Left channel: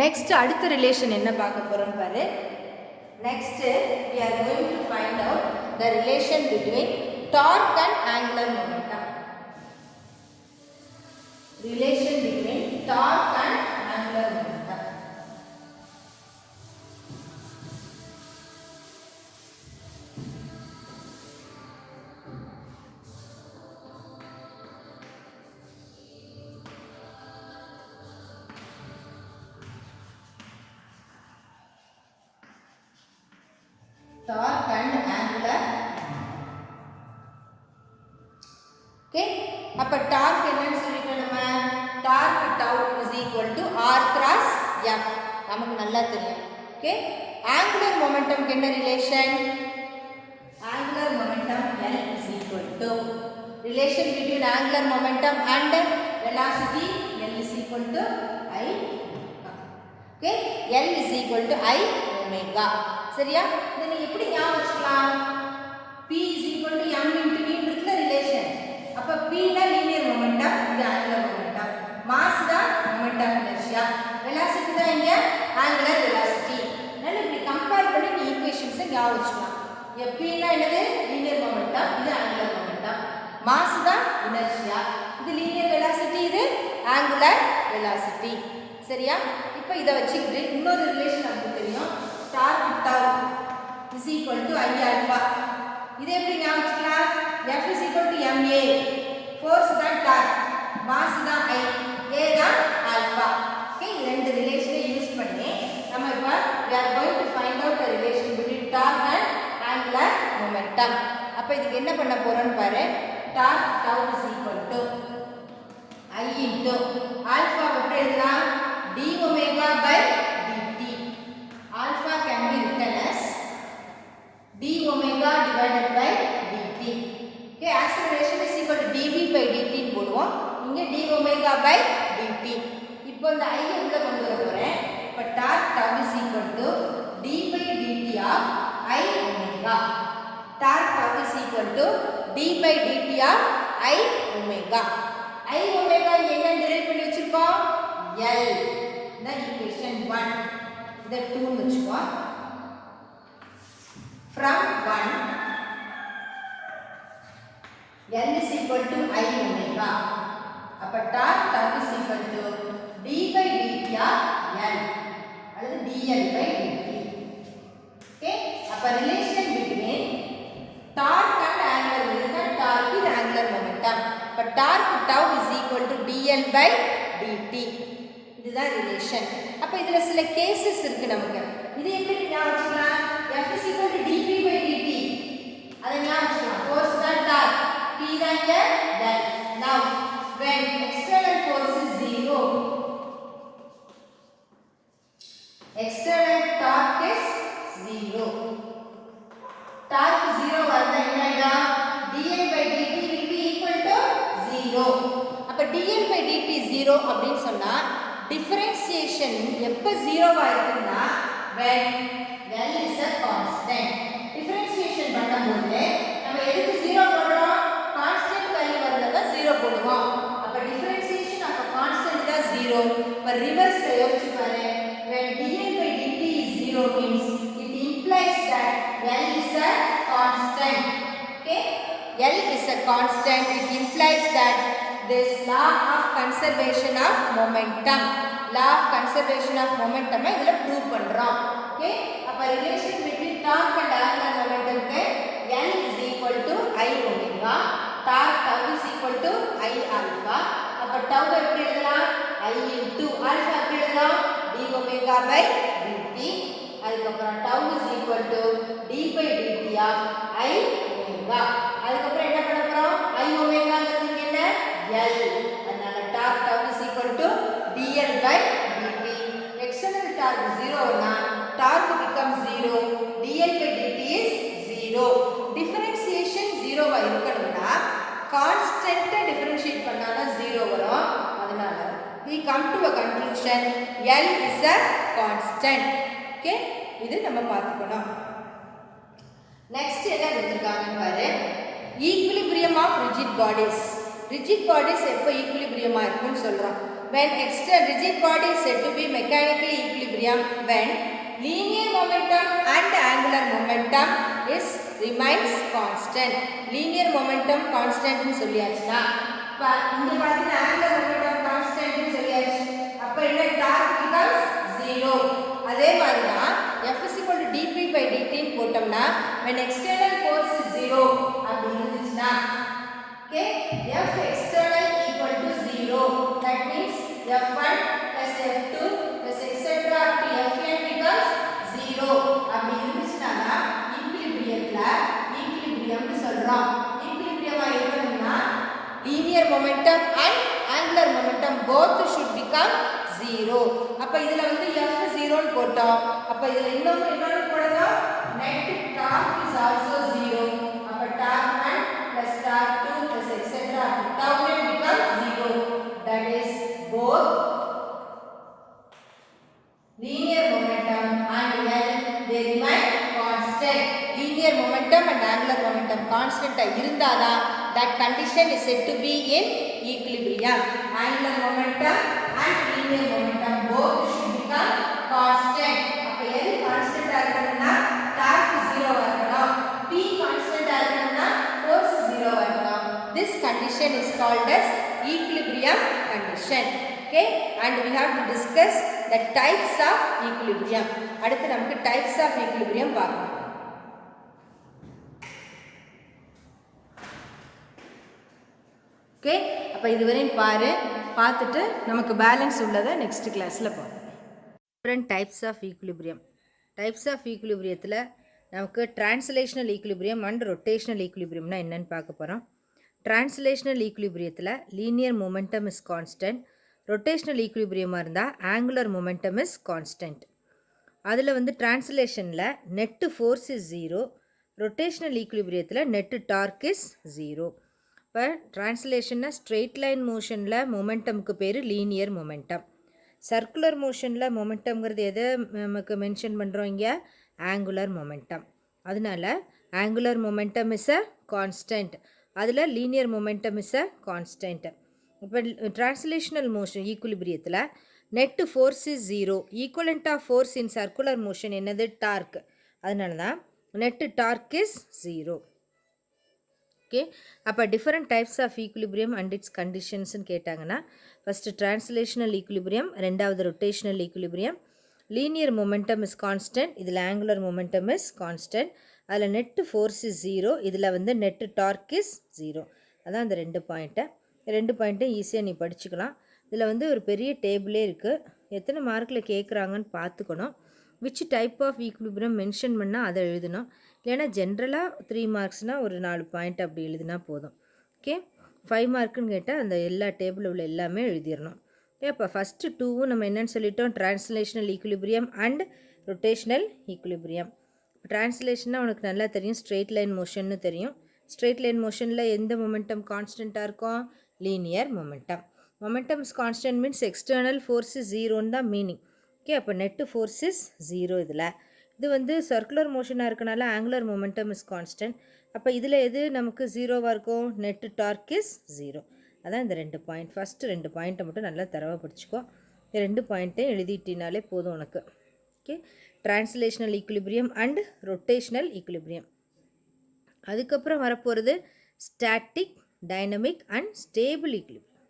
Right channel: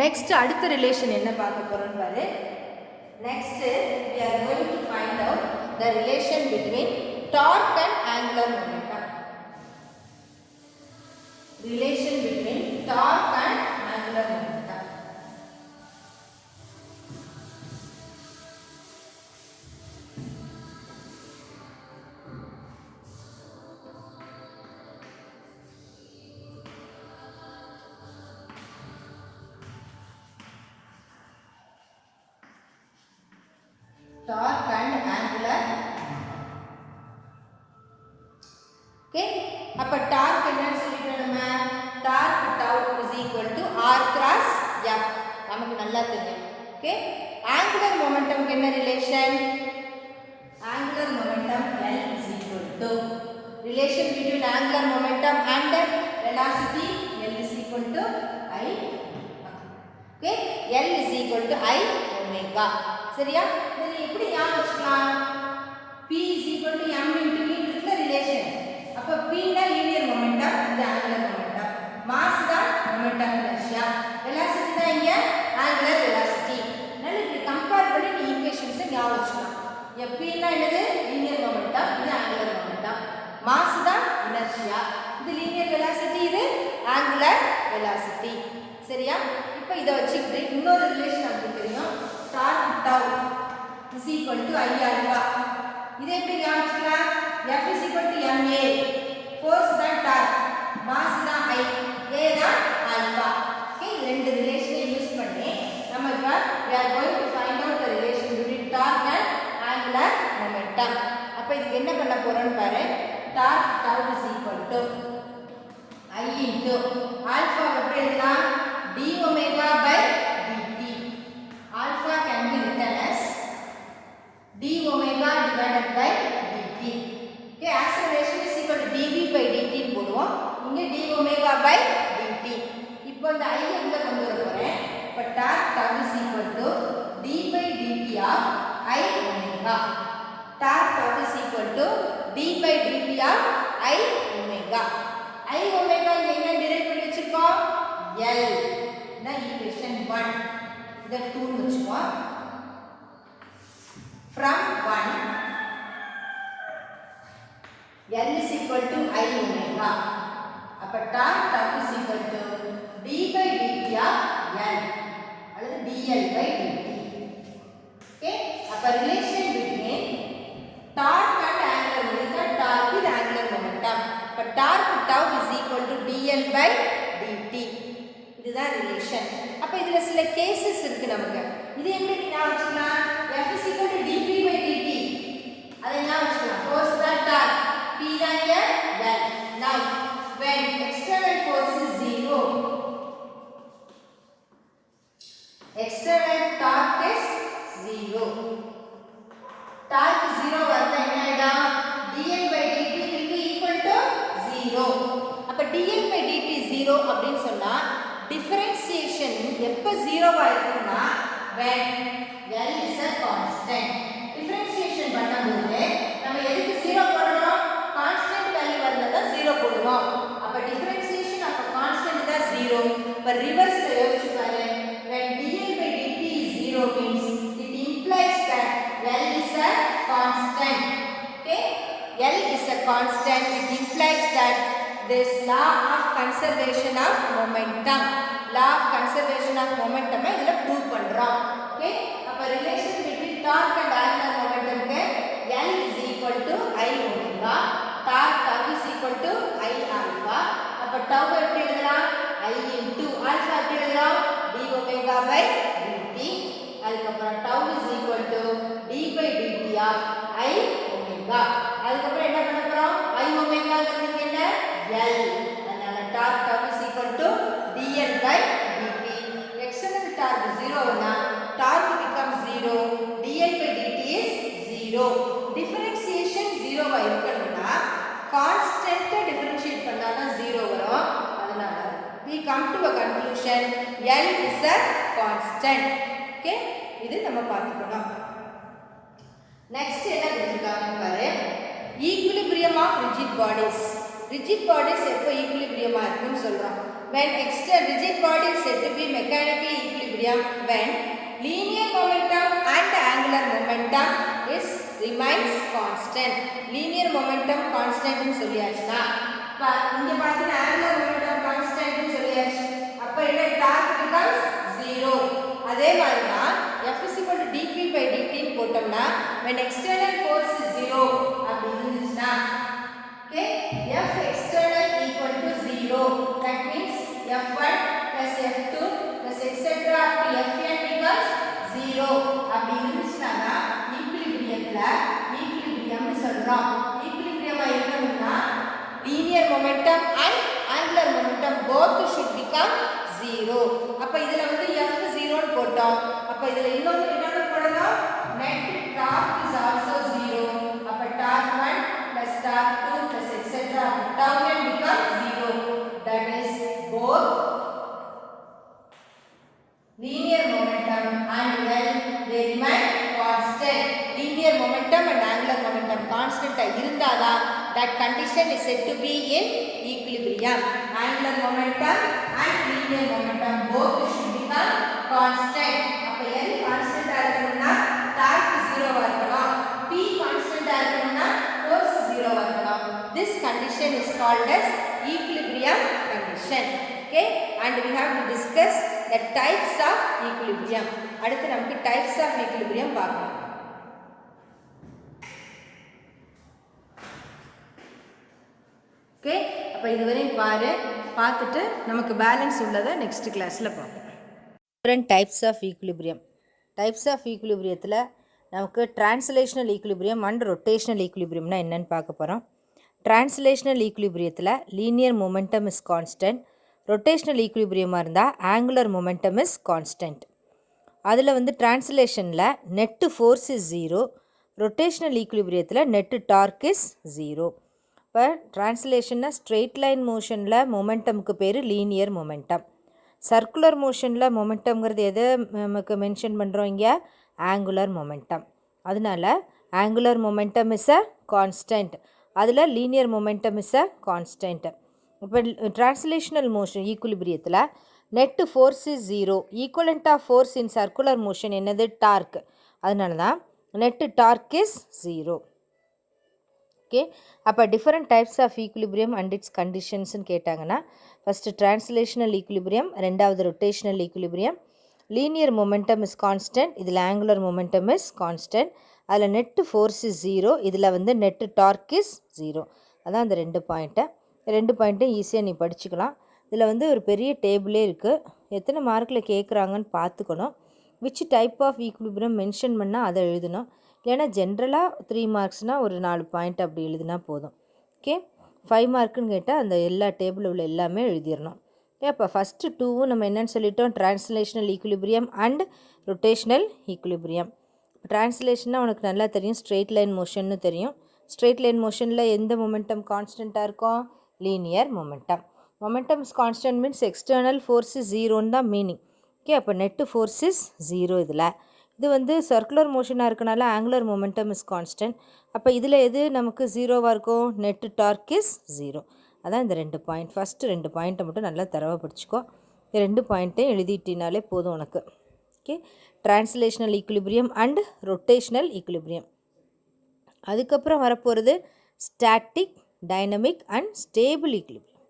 Next அடுத்த relation என்ன பார்க்க போறோம் பாரு. Next we are going to find out the relation between torque and angular momentum. Relation between torque and angular momentum. Torque and angular. Okay, அப்ப torque என்னன்னு சொல்லிட்டோம் நம்ம. Torque tau is equal to r cross f. நமக்கு நல்லா தெரியும். Okay, angular momentum என்ன relation? Angular momentum L is equal to relation between angular momentum and velocity. L is equal to I. Okay, L is equal to I omega. சரியா? இதை நீ எப்படி ஞாபகம் வச்சுக்கலாம்? P is equal to m into v இருக்குல relation. அப்ப P தான் linear momentum, இது ஆங்குலர் மொமெண்டம். மாஸ் தான் மொமெண்டம் இனர்ஷியா. வெலாசிட்டி தான் இங்க ஆங்குலர் வெலாசிட்டி. அதனால இப்படி கம்பேர் பண்ணி நீ ஈக்குவேஷன்ஸை ஞாபகம் வச்சுக்கலாம். P னா என்னது? லீனியர் மொமெண்டம், இது ஆங்குலர் மொமெண்டம். மாஸ் தான் இனர்ஷியா. இது லீனியர் வெலாசிட்டி, இது ஆங்குலர் வெலாசிட்டி. சரியா? இப்போ இதை வச்சுக்கிட்டு இன்னொரு ரிலேஷன் நமக்கு தெரியும். Torque tau is equal to I alpha. இதை எப்படி ஞாபகம் வச்சுக்கலாம்? F is equal to ma. Force தான் torque, mass தான் I, a தான் alpha. Okay, ரெண்டு ரிலேஷனை யூஸ் பண்ணி நம்ம இப்போ we are going to find out the relation between torque and angular momentum. அப்ப இதுக்கு என்ன பண்ண போறோம்னு பாரு. Torque tau is equal to I into alpha எப்படி எழுதலாம்? d omega by alpha can be written as d omega divided by dt. Okay, acceleration is equal to dv by dt போடுவோம். இங்க d omega by dt. இப்போ இந்த I எங்க கொண்டு வர போறேன்? இப்போ torque tau is equal to d by dt of I omega. Torque tau is equal to d by dt of I omega. I omega என்ன டிரைவ் பண்ணி வச்சிருக்கோம்? L. இந்த equation 1. இதை 2 வச்சுக்கோம். From 1 L is equal to I omega. அப்ப torque tau is equal to d by dt of L அல்லது dl by dt. Okay, அப்ப relation between torque and angular momentum, torque with angular momentum. அப்ப torque tau is equal to dl by dt. இதுதான் relation. அப்ப இதுல சில cases இருக்கு நமக்கு. இது எப்படி ஞாபகம் வச்சுக்கலாம்? F is equal to dp by dt. அதை ஞாபகம் வச்சுக்கலாம். Force தான் torque, P தான் இங்க L. Now when external force is 0, external torque is 0. Torque 0 வந்தா என்ன ஆயிடும்? dl by dt will be equal to 0. அப்ப dl by dt 0 அப்படினு சொன்னா டிஃபரன்ஷியேஷன் எப்ப 0 ஆ இருக்கும்னா when L is a constant. Differentiation பண்ணும்போது நம்ம எதுக்கு 0 போடுறோம்? கான்ஸ்டன்ட் வேல்யூ வரலனா 0 போடுவோம். அப்ப டிஃபரன்ஷியேஷன் ஆஃப் a constant தான் 0. இப்ப ரிவர்ஸ்ல யோசிச்சு பாரு. when dl by dt is 0 means it implies that L is a constant. Okay, L is a constant. It implies that this law of conservation of momentum, law of conservation of momentum இதல prove பண்றோம். Okay, அப்ப relation between torque and angular momentum க்கு L is equal to I omega, torque tau is equal to I alpha. அப்ப tau எப்படி எழுதலாம்? I into alpha எப்படி எழுதலாம்? d omega by dt. அதுக்கு அப்புறம் tau is equal to d by dt of I omega. அதுக்கு அப்புறம் என்ன பண்ணப் போறோம்? I omega ங்கிறது என்ன? L. அதனால torque tau is equal to dl by dt. External torque 0 னா torque becomes 0, dl by dt is 0. Differentiation 0 ஆ இருக்கணும்னா constant differentiate பண்ணாதான் 0 வரும். அதனால we come to a conclusion L is a constant. Okay, இது நம்ம பார்த்துக்கணும். Next என்ன கொடுத்திருக்காங்க பாரு. Equilibrium of rigid bodies. Rigid bodies எப்போ equilibrium ஆ இருக்குன்னு சொல்றோம். When rigid body is said to be mechanically equilibrium when linear momentum and angular momentum is remains constant. Linear momentum constant னு சொல்லியாச்சுனா இங்க பாத்தீங்கன்னா angular momentum constant னு சொல்லியாச்சு. அப்ப என்ன torque becomes 0. அதே மாதிரி தான் F is equal to dp by dt ன்னு போட்டோம்னா when external force is 0 அப்படி இருந்துச்சுனா okay F external equal to 0 that means F1 plus F2 plus etc up to Fn becomes 0 அப்படி இருந்துச்சுனா தான் ஈக்விலிபிரியம்ல ஈக்விலிபிரியம் னு சொல்றோம். ஈக்விலிபிரியமா இருக்கணும்னா linear momentum and angular momentum both should become 0. அப்ப இதுல வந்து F 0 ன்னு போட்டோம். அப்ப இதுல இன்னொரு போடணும் net torque is also 0. அப்ப torque 1 plus torque 2 plus etc tau n becomes 0. That is both linear momentum and L they remain constant. Linear momentum and angular momentum constant இருந்தாதா that condition is said to be in equilibrium. Angular momentum and linear momentum both should become constant. அப்ப L constant ஆ இருக்கணும்னா torque 0 ஆ இருக்கணும். P constant ஆ இருக்கணும்னா force 0 ஆ இருக்கணும். This condition is called as equilibrium condition. Okay, and we have to discuss the types of equilibrium. அடுத்து நமக்கு types of equilibrium பார்க்கலாம். Okay, அப்போ இதுவரையும் பார்த்துட்டு நமக்கு பேலன்ஸ் உள்ளதை நெக்ஸ்ட் கிளாஸில் பார்ப்போம். Different types of equilibrium. Types of ஈக்குலிபிரியத்தில் நமக்கு டிரான்ஸ்லேஷனல் ஈக்குலிபிரியம் அண்ட் ரொட்டேஷனல் ஈக்குலிபிரியம்னா என்னென்னு பார்க்க போகிறோம். டிரான்ஸ்லேஷனல் ஈக்குலிபிரியத்தில் linear momentum is constant. Rotational ஈக்குலிபிரியமாக இருந்தால் ஆங்குலர் மொமெண்டம் இஸ் கான்ஸ்டன்ட். அதில் வந்து டிரான்ஸ்லேஷனில் நெட்டு ஃபோர்ஸ் இஸ் 0, ரொட்டேஷனல் ஈக்குலிபிரியத்தில் நெட்டு டார்க் இஸ் 0. இப்போ ட்ரான்ஸ்லேஷன்னா ஸ்ட்ரெயிட் லைன் மோஷனில் மொமெண்டமுக்கு பேர் லீனியர் மொமெண்டம். சர்க்குலர் மோஷனில் மொமெண்டம்ங்கிறது எதை நமக்கு மென்ஷன் பண்ணுறோம் இங்கே? Angular momentum. அதனால் angular momentum is a constant, அதில் linear momentum is a constant. இப்போ ட்ரான்ஸ்லேஷனல் மோஷன் ஈக்குலிபிரியத்தில் net force is 0, equivalent of force in circular motion என்னது? டார்க். அதனால தான் நெட்டு டார்க் இஸ் 0. ஓகே, அப்போ different types of equilibrium and its கண்டிஷன்ஸ்னு கேட்டாங்கன்னா first translational equilibrium, ரெண்டாவது rotational equilibrium. Linear momentum is constant, இதில் angular momentum is constant. அதில் net force is 0, இதில் வந்து நெட்டு டார்க் இஸ் 0. அதான் அந்த ரெண்டு பாயிண்ட்டும் ஈஸியாக நீ படிச்சுக்கலாம். இதில் வந்து ஒரு பெரிய டேபிளே இருக்குது, எத்தனை மார்க்கில் கேட்குறாங்கன்னு பார்த்துக்கணும். Which type of equilibrium mention பண்ணால் அதை எழுதணும். இல்லைனா ஜென்ரலாக 3 மார்க்ஸ்னால் ஒரு 4 பாயிண்ட் அப்படி எழுதினா போதும். ஓகே, 5 மார்க்குன்னு கேட்டால் அந்த எல்லா டேபிளில் உள்ள எல்லாமே எழுதிடணும். ஓகே, அப்போ ஃபஸ்ட்டு 2வும் நம்ம என்னென்னு சொல்லிட்டோம்? Translational equilibrium and rotational equilibrium. ட்ரான்ஸ்லேஷனாக உனக்கு நல்லா தெரியும், ஸ்ட்ரெயிட் லைன் மோஷன்னு தெரியும். ஸ்ட்ரெயிட் லைன் மோஷனில் எந்த மொமெண்டம் கான்ஸ்டண்ட்டாக இருக்கும்? Linear momentum. Momentum is constant means external force is 0ன்னு தான் மீனிங். ஓகே, அப்போ நெட்டு ஃபோர்ஸ் இஸ் 0. இதில் இது வந்து சர்க்குலர் மோஷனாக இருக்கனால ஆங்குலர் மொமெண்டம் இஸ் கான்ஸ்டன்ட். அப்போ இதில் எது நமக்கு 0வாக இருக்கும்? Net torque is 0. அதான் இந்த 2 பாயிண்ட். ஃபஸ்ட்டு 2 பாயிண்ட்டை மட்டும் நல்லா தரவாக படிச்சுக்கோ. இந்த 2 பாயிண்ட்டையும் எழுதிட்டினாலே போதும் உனக்கு. Okay, translational equilibrium and rotational equilibrium. அதுக்கப்புறம் வரப்போகிறது static, dynamic and stable equilibrium.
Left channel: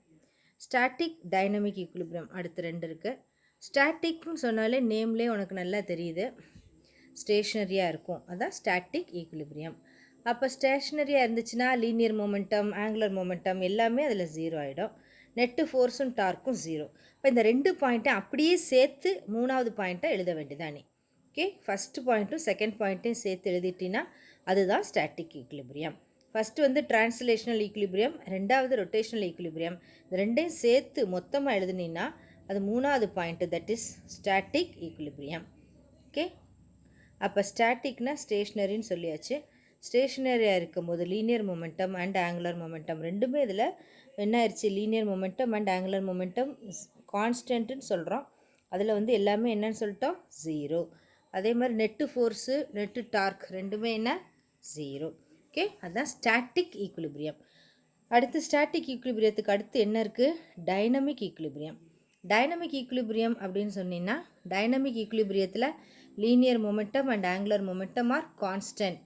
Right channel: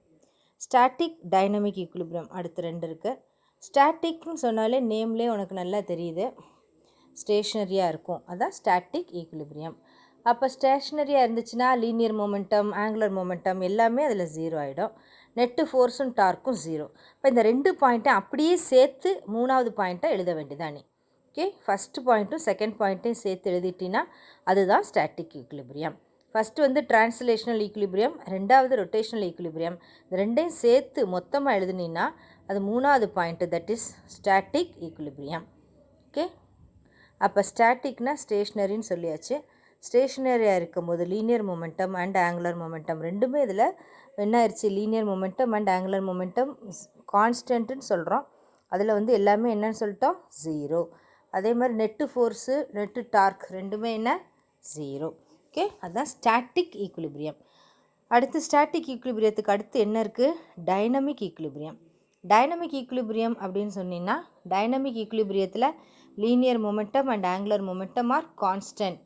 Static, dynamic equilibrium அடுத்து 2 இருக்குது. ஸ்டாட்டிக்னு சொன்னாலே நேம்லேயே உனக்கு நல்லா தெரியுது, ஸ்டேஷ்னரியாக இருக்கும், அதான் ஸ்டாட்டிக் ஈக்குலிபிரியம். அப்போ ஸ்டேஷ்னரியாக இருந்துச்சுன்னா லீனியர் மொமெண்டம், ஆங்குலர் மொமெண்டம் எல்லாமே அதில் 0 ஆகிடும். நெட்டு ஃபோர்ஸும் டார்க்கும் 0. இப்போ இந்த 2 பாயிண்ட்டை அப்படியே சேர்த்து 3வது பாயிண்ட்டை எழுத வேண்டியதானே. ஓகே, ஃபஸ்ட்டு பாயிண்ட்டும் செகண்ட் பாயிண்ட்டையும் சேர்த்து எழுதிட்டின்னா அதுதான் ஸ்டாட்டிக் ஈக்குலிபிரியம். ஃபஸ்ட்டு வந்து ட்ரான்ஸ்லேஷனல் ஈக்குலிபிரியம், ரெண்டாவது ரொட்டேஷனல் ஈக்குலிபிரியம். இந்த ரெண்டையும் சேர்த்து மொத்தமாக எழுதுனீங்கன்னா அது 3வது point, that is static equilibrium. Okay, அப்போ ஸ்டாட்டிக்னால் ஸ்டேஷ்னரின்னு சொல்லியாச்சு. ஸ்டேஷ்னரியாக இருக்கும்போது linear momentum and angular momentum ரெண்டுமே இதில் என்ன ஆயிடுச்சு? Linear momentum and angular momentum கான்ஸ்டன்ட்டுன்னு சொல்கிறோம். அதில் வந்து எல்லாமே என்னன்னு சொல்லிட்டோம்? 0. அதே மாதிரி நெட்டு ஃபோர்ஸு, நெட்டு டார்க் ரெண்டுமே என்ன? 0. ஓகே, அதுதான் ஸ்டாட்டிக் ஈக்குலிபிரியம். அடுத்து ஸ்டாட்டிக் ஈக்குலிபிரியத்துக்கு அடுத்து என்ன இருக்குது? Dynamic equilibrium. டைனமிக் ஈக்குலிபிரியம் அப்படின்னு சொன்னீங்கன்னா டைனமிக் ஈக்குலிபிரியத்தில் linear momentum and angular momentum are constant,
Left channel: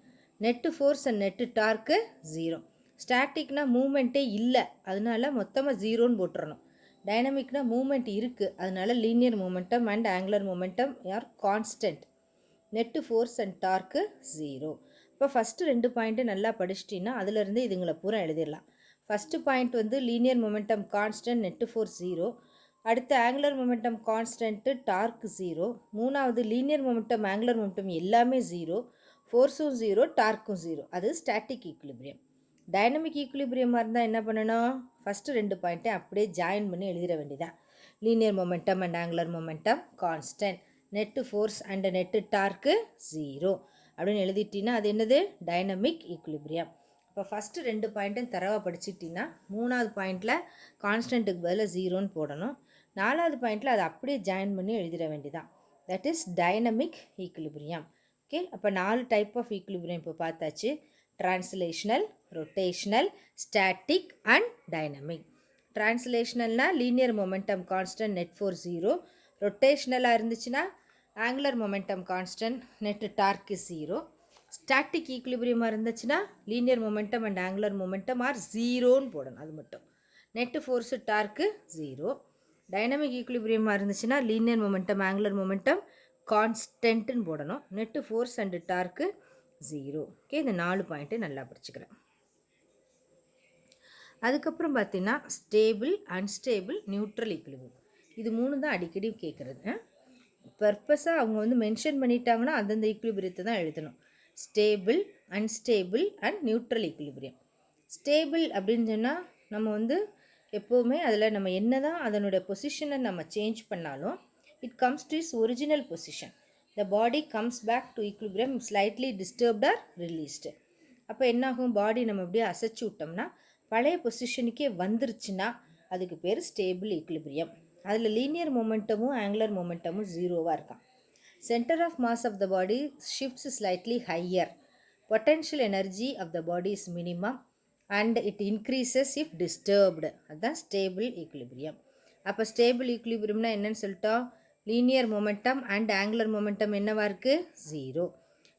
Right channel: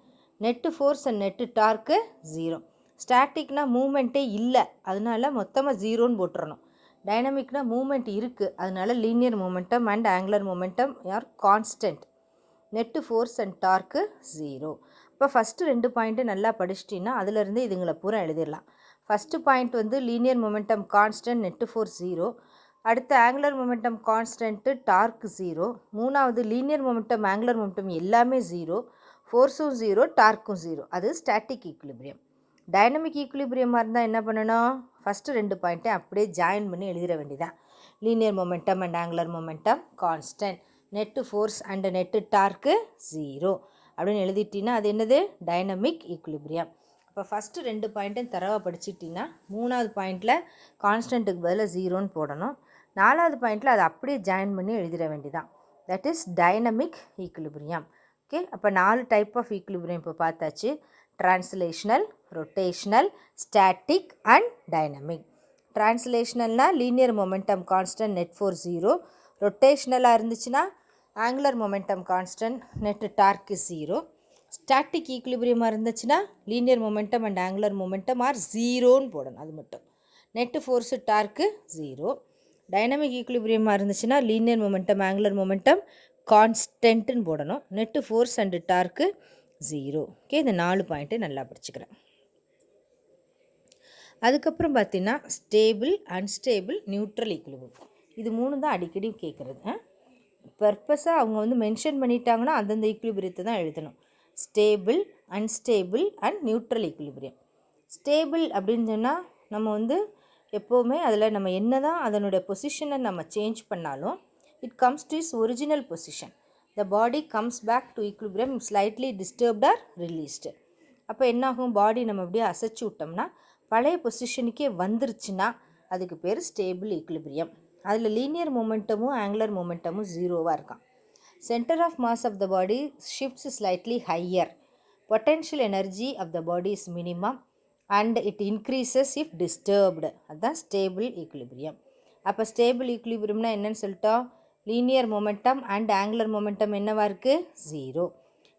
net force and net torque 0. ஸ்டாட்டிக்னா மூமெண்ட்டே இல்லை, அதனால மொத்தமாக 0ன்னு போட்டுறணும். டைனமிக்னா மூமெண்ட் இருக்குது, அதனால linear momentum and angular momentum are constant, net force and torque 0. இப்போ ஃபஸ்ட்டு 2 பாயிண்ட்டு நல்லா படிச்சிட்டிங்கன்னா அதிலிருந்து இதுங்களை பூரா எழுதிடலாம். ஃபஸ்ட்டு பாயிண்ட் வந்து linear momentum constant, net force 0. அடுத்து ஆங்குலர் மொமெண்டம் கான்ஸ்டன்ட்டு, டார்க்கு 0. மூணாவது லீனியர் மொமெண்டம் ஆங்குலர் மொமெண்டம் எல்லாமே 0, ஃபோர்ஸும் 0, டார்க்கும் 0. அது ஸ்டாட்டிக் ஈக்குலிபிரியம். டைனமிக் ஈக்குலிபிரியமாக இருந்தால் என்ன பண்ணணும், ஃபஸ்ட்டு 2 பாயிண்ட்டை அப்படியே ஜாயின் பண்ணி எழுதிட வேண்டியதான். Linear momentum and angular momentum constant, net force and net torque 0 அப்படின்னு எழுதிட்டிங்கன்னா அது என்னது, டைனமிக் ஈக்குலிபிரியம். இப்போ ஃபஸ்ட்டு 2 பாயிண்ட்டும் தரவாக படிச்சுட்டிங்கன்னா 3வது பாயிண்டில் கான்ஸ்டன்ட்டுக்கு பதிலாக 0ன்னு போடணும். 4வது பாயிண்டில் அதை அப்படியே ஜாயின் பண்ணி எழுதிட வேண்டியதான். That is dynamic equilibrium. Okay, அப்போ 4 டைப் ஆஃப் ஈக்குலிபிரியம் இப்போ பார்த்தாச்சு. Translational, rotational, static and dynamic. ட்ரான்ஸ்லேஷனல்னால் linear momentum constant, net force 0. ரொட்டேஷ்னலாக இருந்துச்சுன்னா angular momentum constant, net torque 0. Static ஈக்குலிபிரியமாக இருந்துச்சுன்னா linear momentum and angular momentum are 0ன்னு போடணும், அது மட்டும். Net force torque 0. டைனமிக் ஈக்குலிபிரியமாக இருந்துச்சுன்னா லீனியர் மொமெண்டம் ஆங்குலர் மொமெண்டம் கான்ஸ்டன்ட்டுன்னு போடணும், net force and torque 0. Okay, இந்த 4 பாயிண்ட்டு நல்லா படிச்சுக்கிறேன். அதுக்கப்புறம் பார்த்தீங்கன்னா ஸ்டேபிள், அன்ஸ்டேபிள், நியூட்ரல் ஈக்குலிபிரியம். இது 3 தான் அடிக்கடி கேட்குறது. பர்பஸாக அவங்க வந்து மென்ஷன் பண்ணிட்டாங்கன்னா அந்தந்த ஈக்குலிபிரியத்தை தான் எழுதணும். Stable, unstable and neutral equilibrium. Stable அப்படின்னு சொன்னால் நம்ம வந்து எப்போவுமே அதில் நம்ம என்ன தான் அதனுடைய பொசிஷனை நம்ம சேஞ்ச் பண்ணாலும் it comes to is original position. The body comes back to equilibrium slightly disturbed or released. அப்போ என்னாகும், பாடி நம்ம அப்படியே அசைச்சு விட்டோம்னா பழைய பொசிஷனுக்கே வந்துருச்சுன்னா அதுக்கு பேர் ஸ்டேபிள் ஈக்குலிபிரியம். அதில் லீனியர் மொமெண்டமும் ஆங்குலர் மொமெண்டமும் 0வாக இருக்கான். Centre of mass of the body shifts slightly higher. Potential energy of the body is minimum and it increases if disturbed. அதுதான் ஸ்டேபிள் ஈக்குலிபிரியம். அப்போ ஸ்டேபிள் ஈக்குலிபிரியம்னா என்னன்னு சொல்லிட்டோம், linear momentum and angular momentum என்னவாக இருக்குது, 0.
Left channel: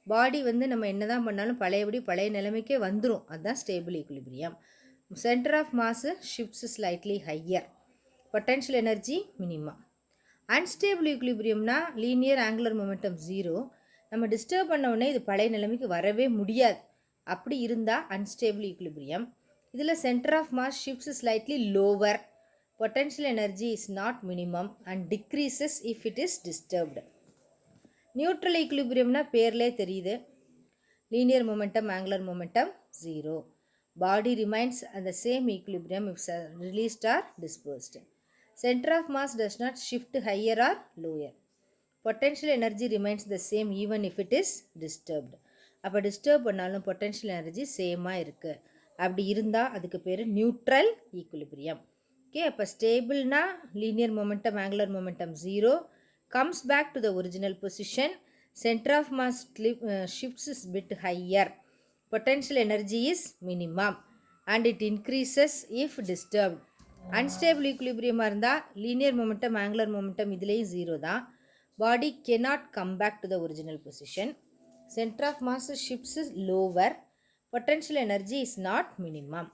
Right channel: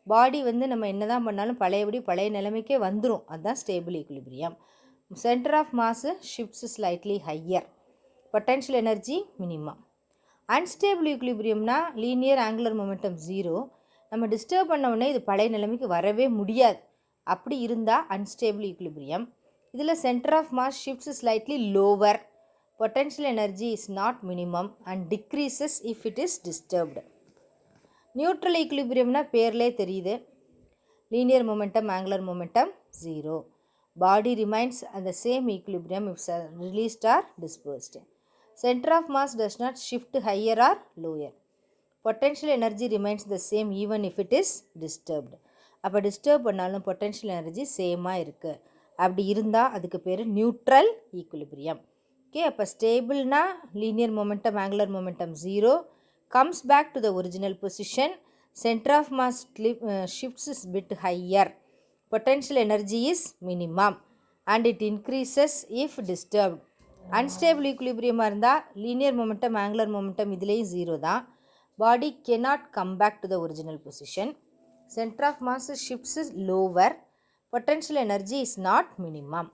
பாடி வந்து நம்ம என்ன தான் பண்ணாலும் பழைய நிலைமைக்கே வந்துடும், அதுதான் stable equilibrium. Centre of mass shifts slightly higher, potential energy minimum. Unstable ஈக்குலிபிரியம்னா லீனியர் ஆங்குலர் மொமெண்டம் 0. நம்ம டிஸ்டர்ப் பண்ண உடனே இது பழைய நிலைமைக்கு வரவே முடியாது, அப்படி இருந்தால் அன்ஸ்டேபிள் ஈக்குலிபிரியம். இதில் centre of mass shifts slightly lower, potential energy is not minimum and decreases if it is disturbed. Neutral ஈக்குலிபிரியம்னா பேர்லே தெரியுது, linear momentum angular momentum 0. Body remains at the same equilibrium if released or dispersed. Center of mass does not shift higher or lower. Potential energy remains the same even if it is disturbed. அப்போ disturb பண்ணாலும் potential energy சேமாக இருக்குது, அப்படி இருந்தால் அதுக்கு பேர் neutral equilibrium. Okay, அப்போ ஸ்டேபிள்னா linear momentum angular momentum 0 comes back to the original position. Centre of mass shifts is bit higher, potential energy is minimum and it increases if disturbed. Unstable equilibrium இருந்தால் linear momentum angular momentum இதுலேயும் 0 தான். Body cannot come back to the original position. Center of mass shifts is lower, potential energy is not minimum.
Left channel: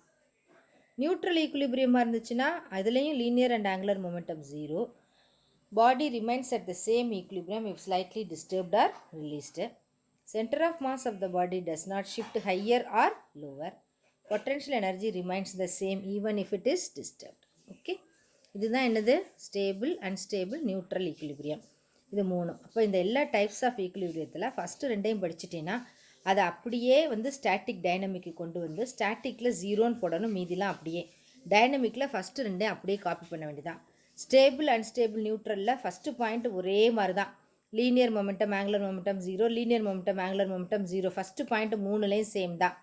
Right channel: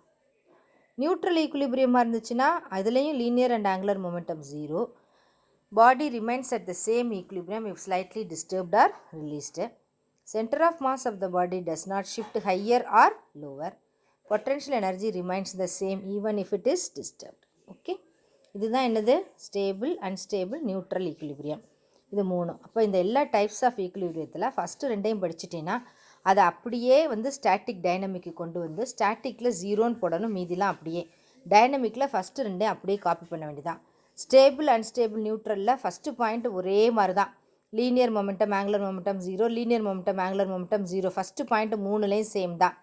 Neutral equilibrium இருந்துச்சுன்னா அதுலேயும் linear and angular momentum 0. Body remains at the same equilibrium if slightly disturbed or released. Center of mass of the body does not shift higher or lower. Potential energy remains the same even if it is disturbed. Okay, இதுதான் என்னது, stable, unstable, neutral equilibrium. இது 3. அப்போ இந்த எல்லா types of ஈக்குலிபிரியத்தில் first 2யும் படிச்சிட்டிங்கன்னா அதை அப்படியே வந்து static dynamic கொண்டு வந்து ஸ்டாட்டிக்கில் 0ன்னு போடணும், மீதிலாம் அப்படியே. டைனமிக்கில் ஃபஸ்ட்டு 2யும் அப்படியே காப்பி பண்ண வேண்டியதான். ஸ்டேபிள், அன்ஸ்டேபிள், நியூட்ரலில் ஃபஸ்ட்டு பாயிண்ட் ஒரே மாதிரி தான், linear momentum angular momentum 0, linear momentum angular momentum 0. First point 3லேயும் சேம் தான்.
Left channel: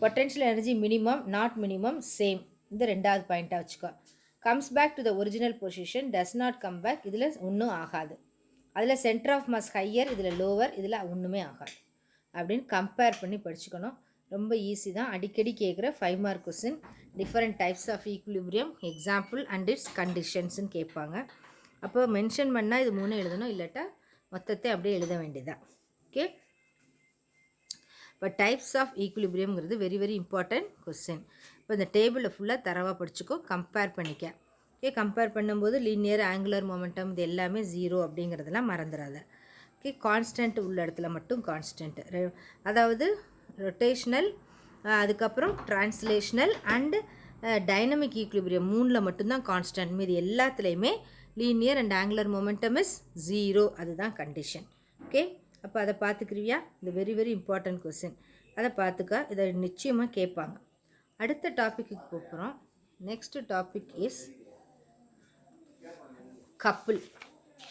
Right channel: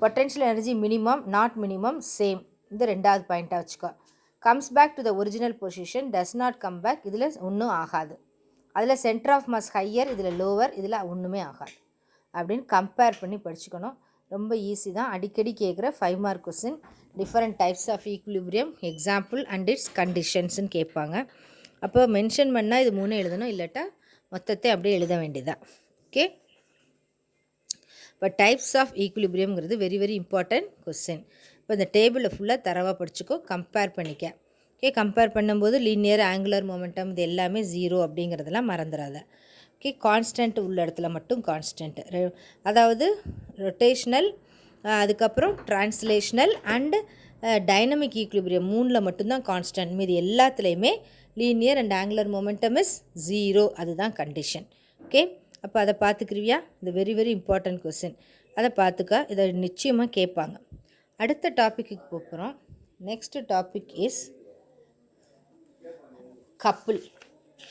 Potential energy minimum not minimum same, இந்த 2வது பாயிண்ட்டாக வச்சுக்கோ. Comes back to the original position, does not come back, இதில் ஒன்றும் ஆகாது. அதில் சென்டர் ஆஃப் மாஸ் ஹையர், இதில் லோவர், இதில் ஒன்றுமே ஆகாது அப்படின்னு கம்பேர் பண்ணி படிச்சுக்கணும். ரொம்ப ஈஸி தான், அடிக்கடி கேட்குற 5 mark question. Different types of equilibrium, example and its கண்டிஷன்ஸ்னு கேட்பாங்க. அப்போ மென்ஷன் பண்ணால் இது 3 எழுதணும், இல்லாட்டா மொத்தத்தை அப்படியே எழுத வேண்டியதான். ஓகே. இப்போ டைப்ஸ் ஆஃப் ஈக்குலிபிரியம்ங்கிறது வெரி வெரி இம்பார்ட்டன்ட் கொஸ்டின். இப்போ இந்த டேபிளில் ஃபுல்லாக தரவாக படிச்சுக்கோ, கம்பேர் பண்ணிக்க. ஓகே. கம்பேர் பண்ணும்போது லீனியர், ஆங்குலர் மொமெண்டம் இது எல்லாமே 0 அப்படிங்கிறதெல்லாம் மறந்துடாத. ஓகே. கான்ஸ்டன்ட் உள்ள இடத்துல மட்டும் கான்ஸ்டன்ட், அதாவது ரொட்டேஷ்னல், அதுக்கப்புறம் ட்ரான்ஸ்லேஷ்னல் அண்டு டைனமிக் ஈக்குலிபிரியம் 3ல் மட்டும்தான் கான்ஸ்டன்ட். மீது எல்லாத்துலேயுமே linear and angular momentum is 0. அதுதான் கண்டிஷன். ஓகே. அப்போ அதை பார்த்துக்கிறியா? இது வெரி வெரி இம்பார்ட்டன்ட் கொஸ்டின். அதை பார்த்துக்கா, இதை நிச்சயமாக கேட்பாங்க. அடுத்த டாப்பிக்கு போகிறோம். Next topic is couple.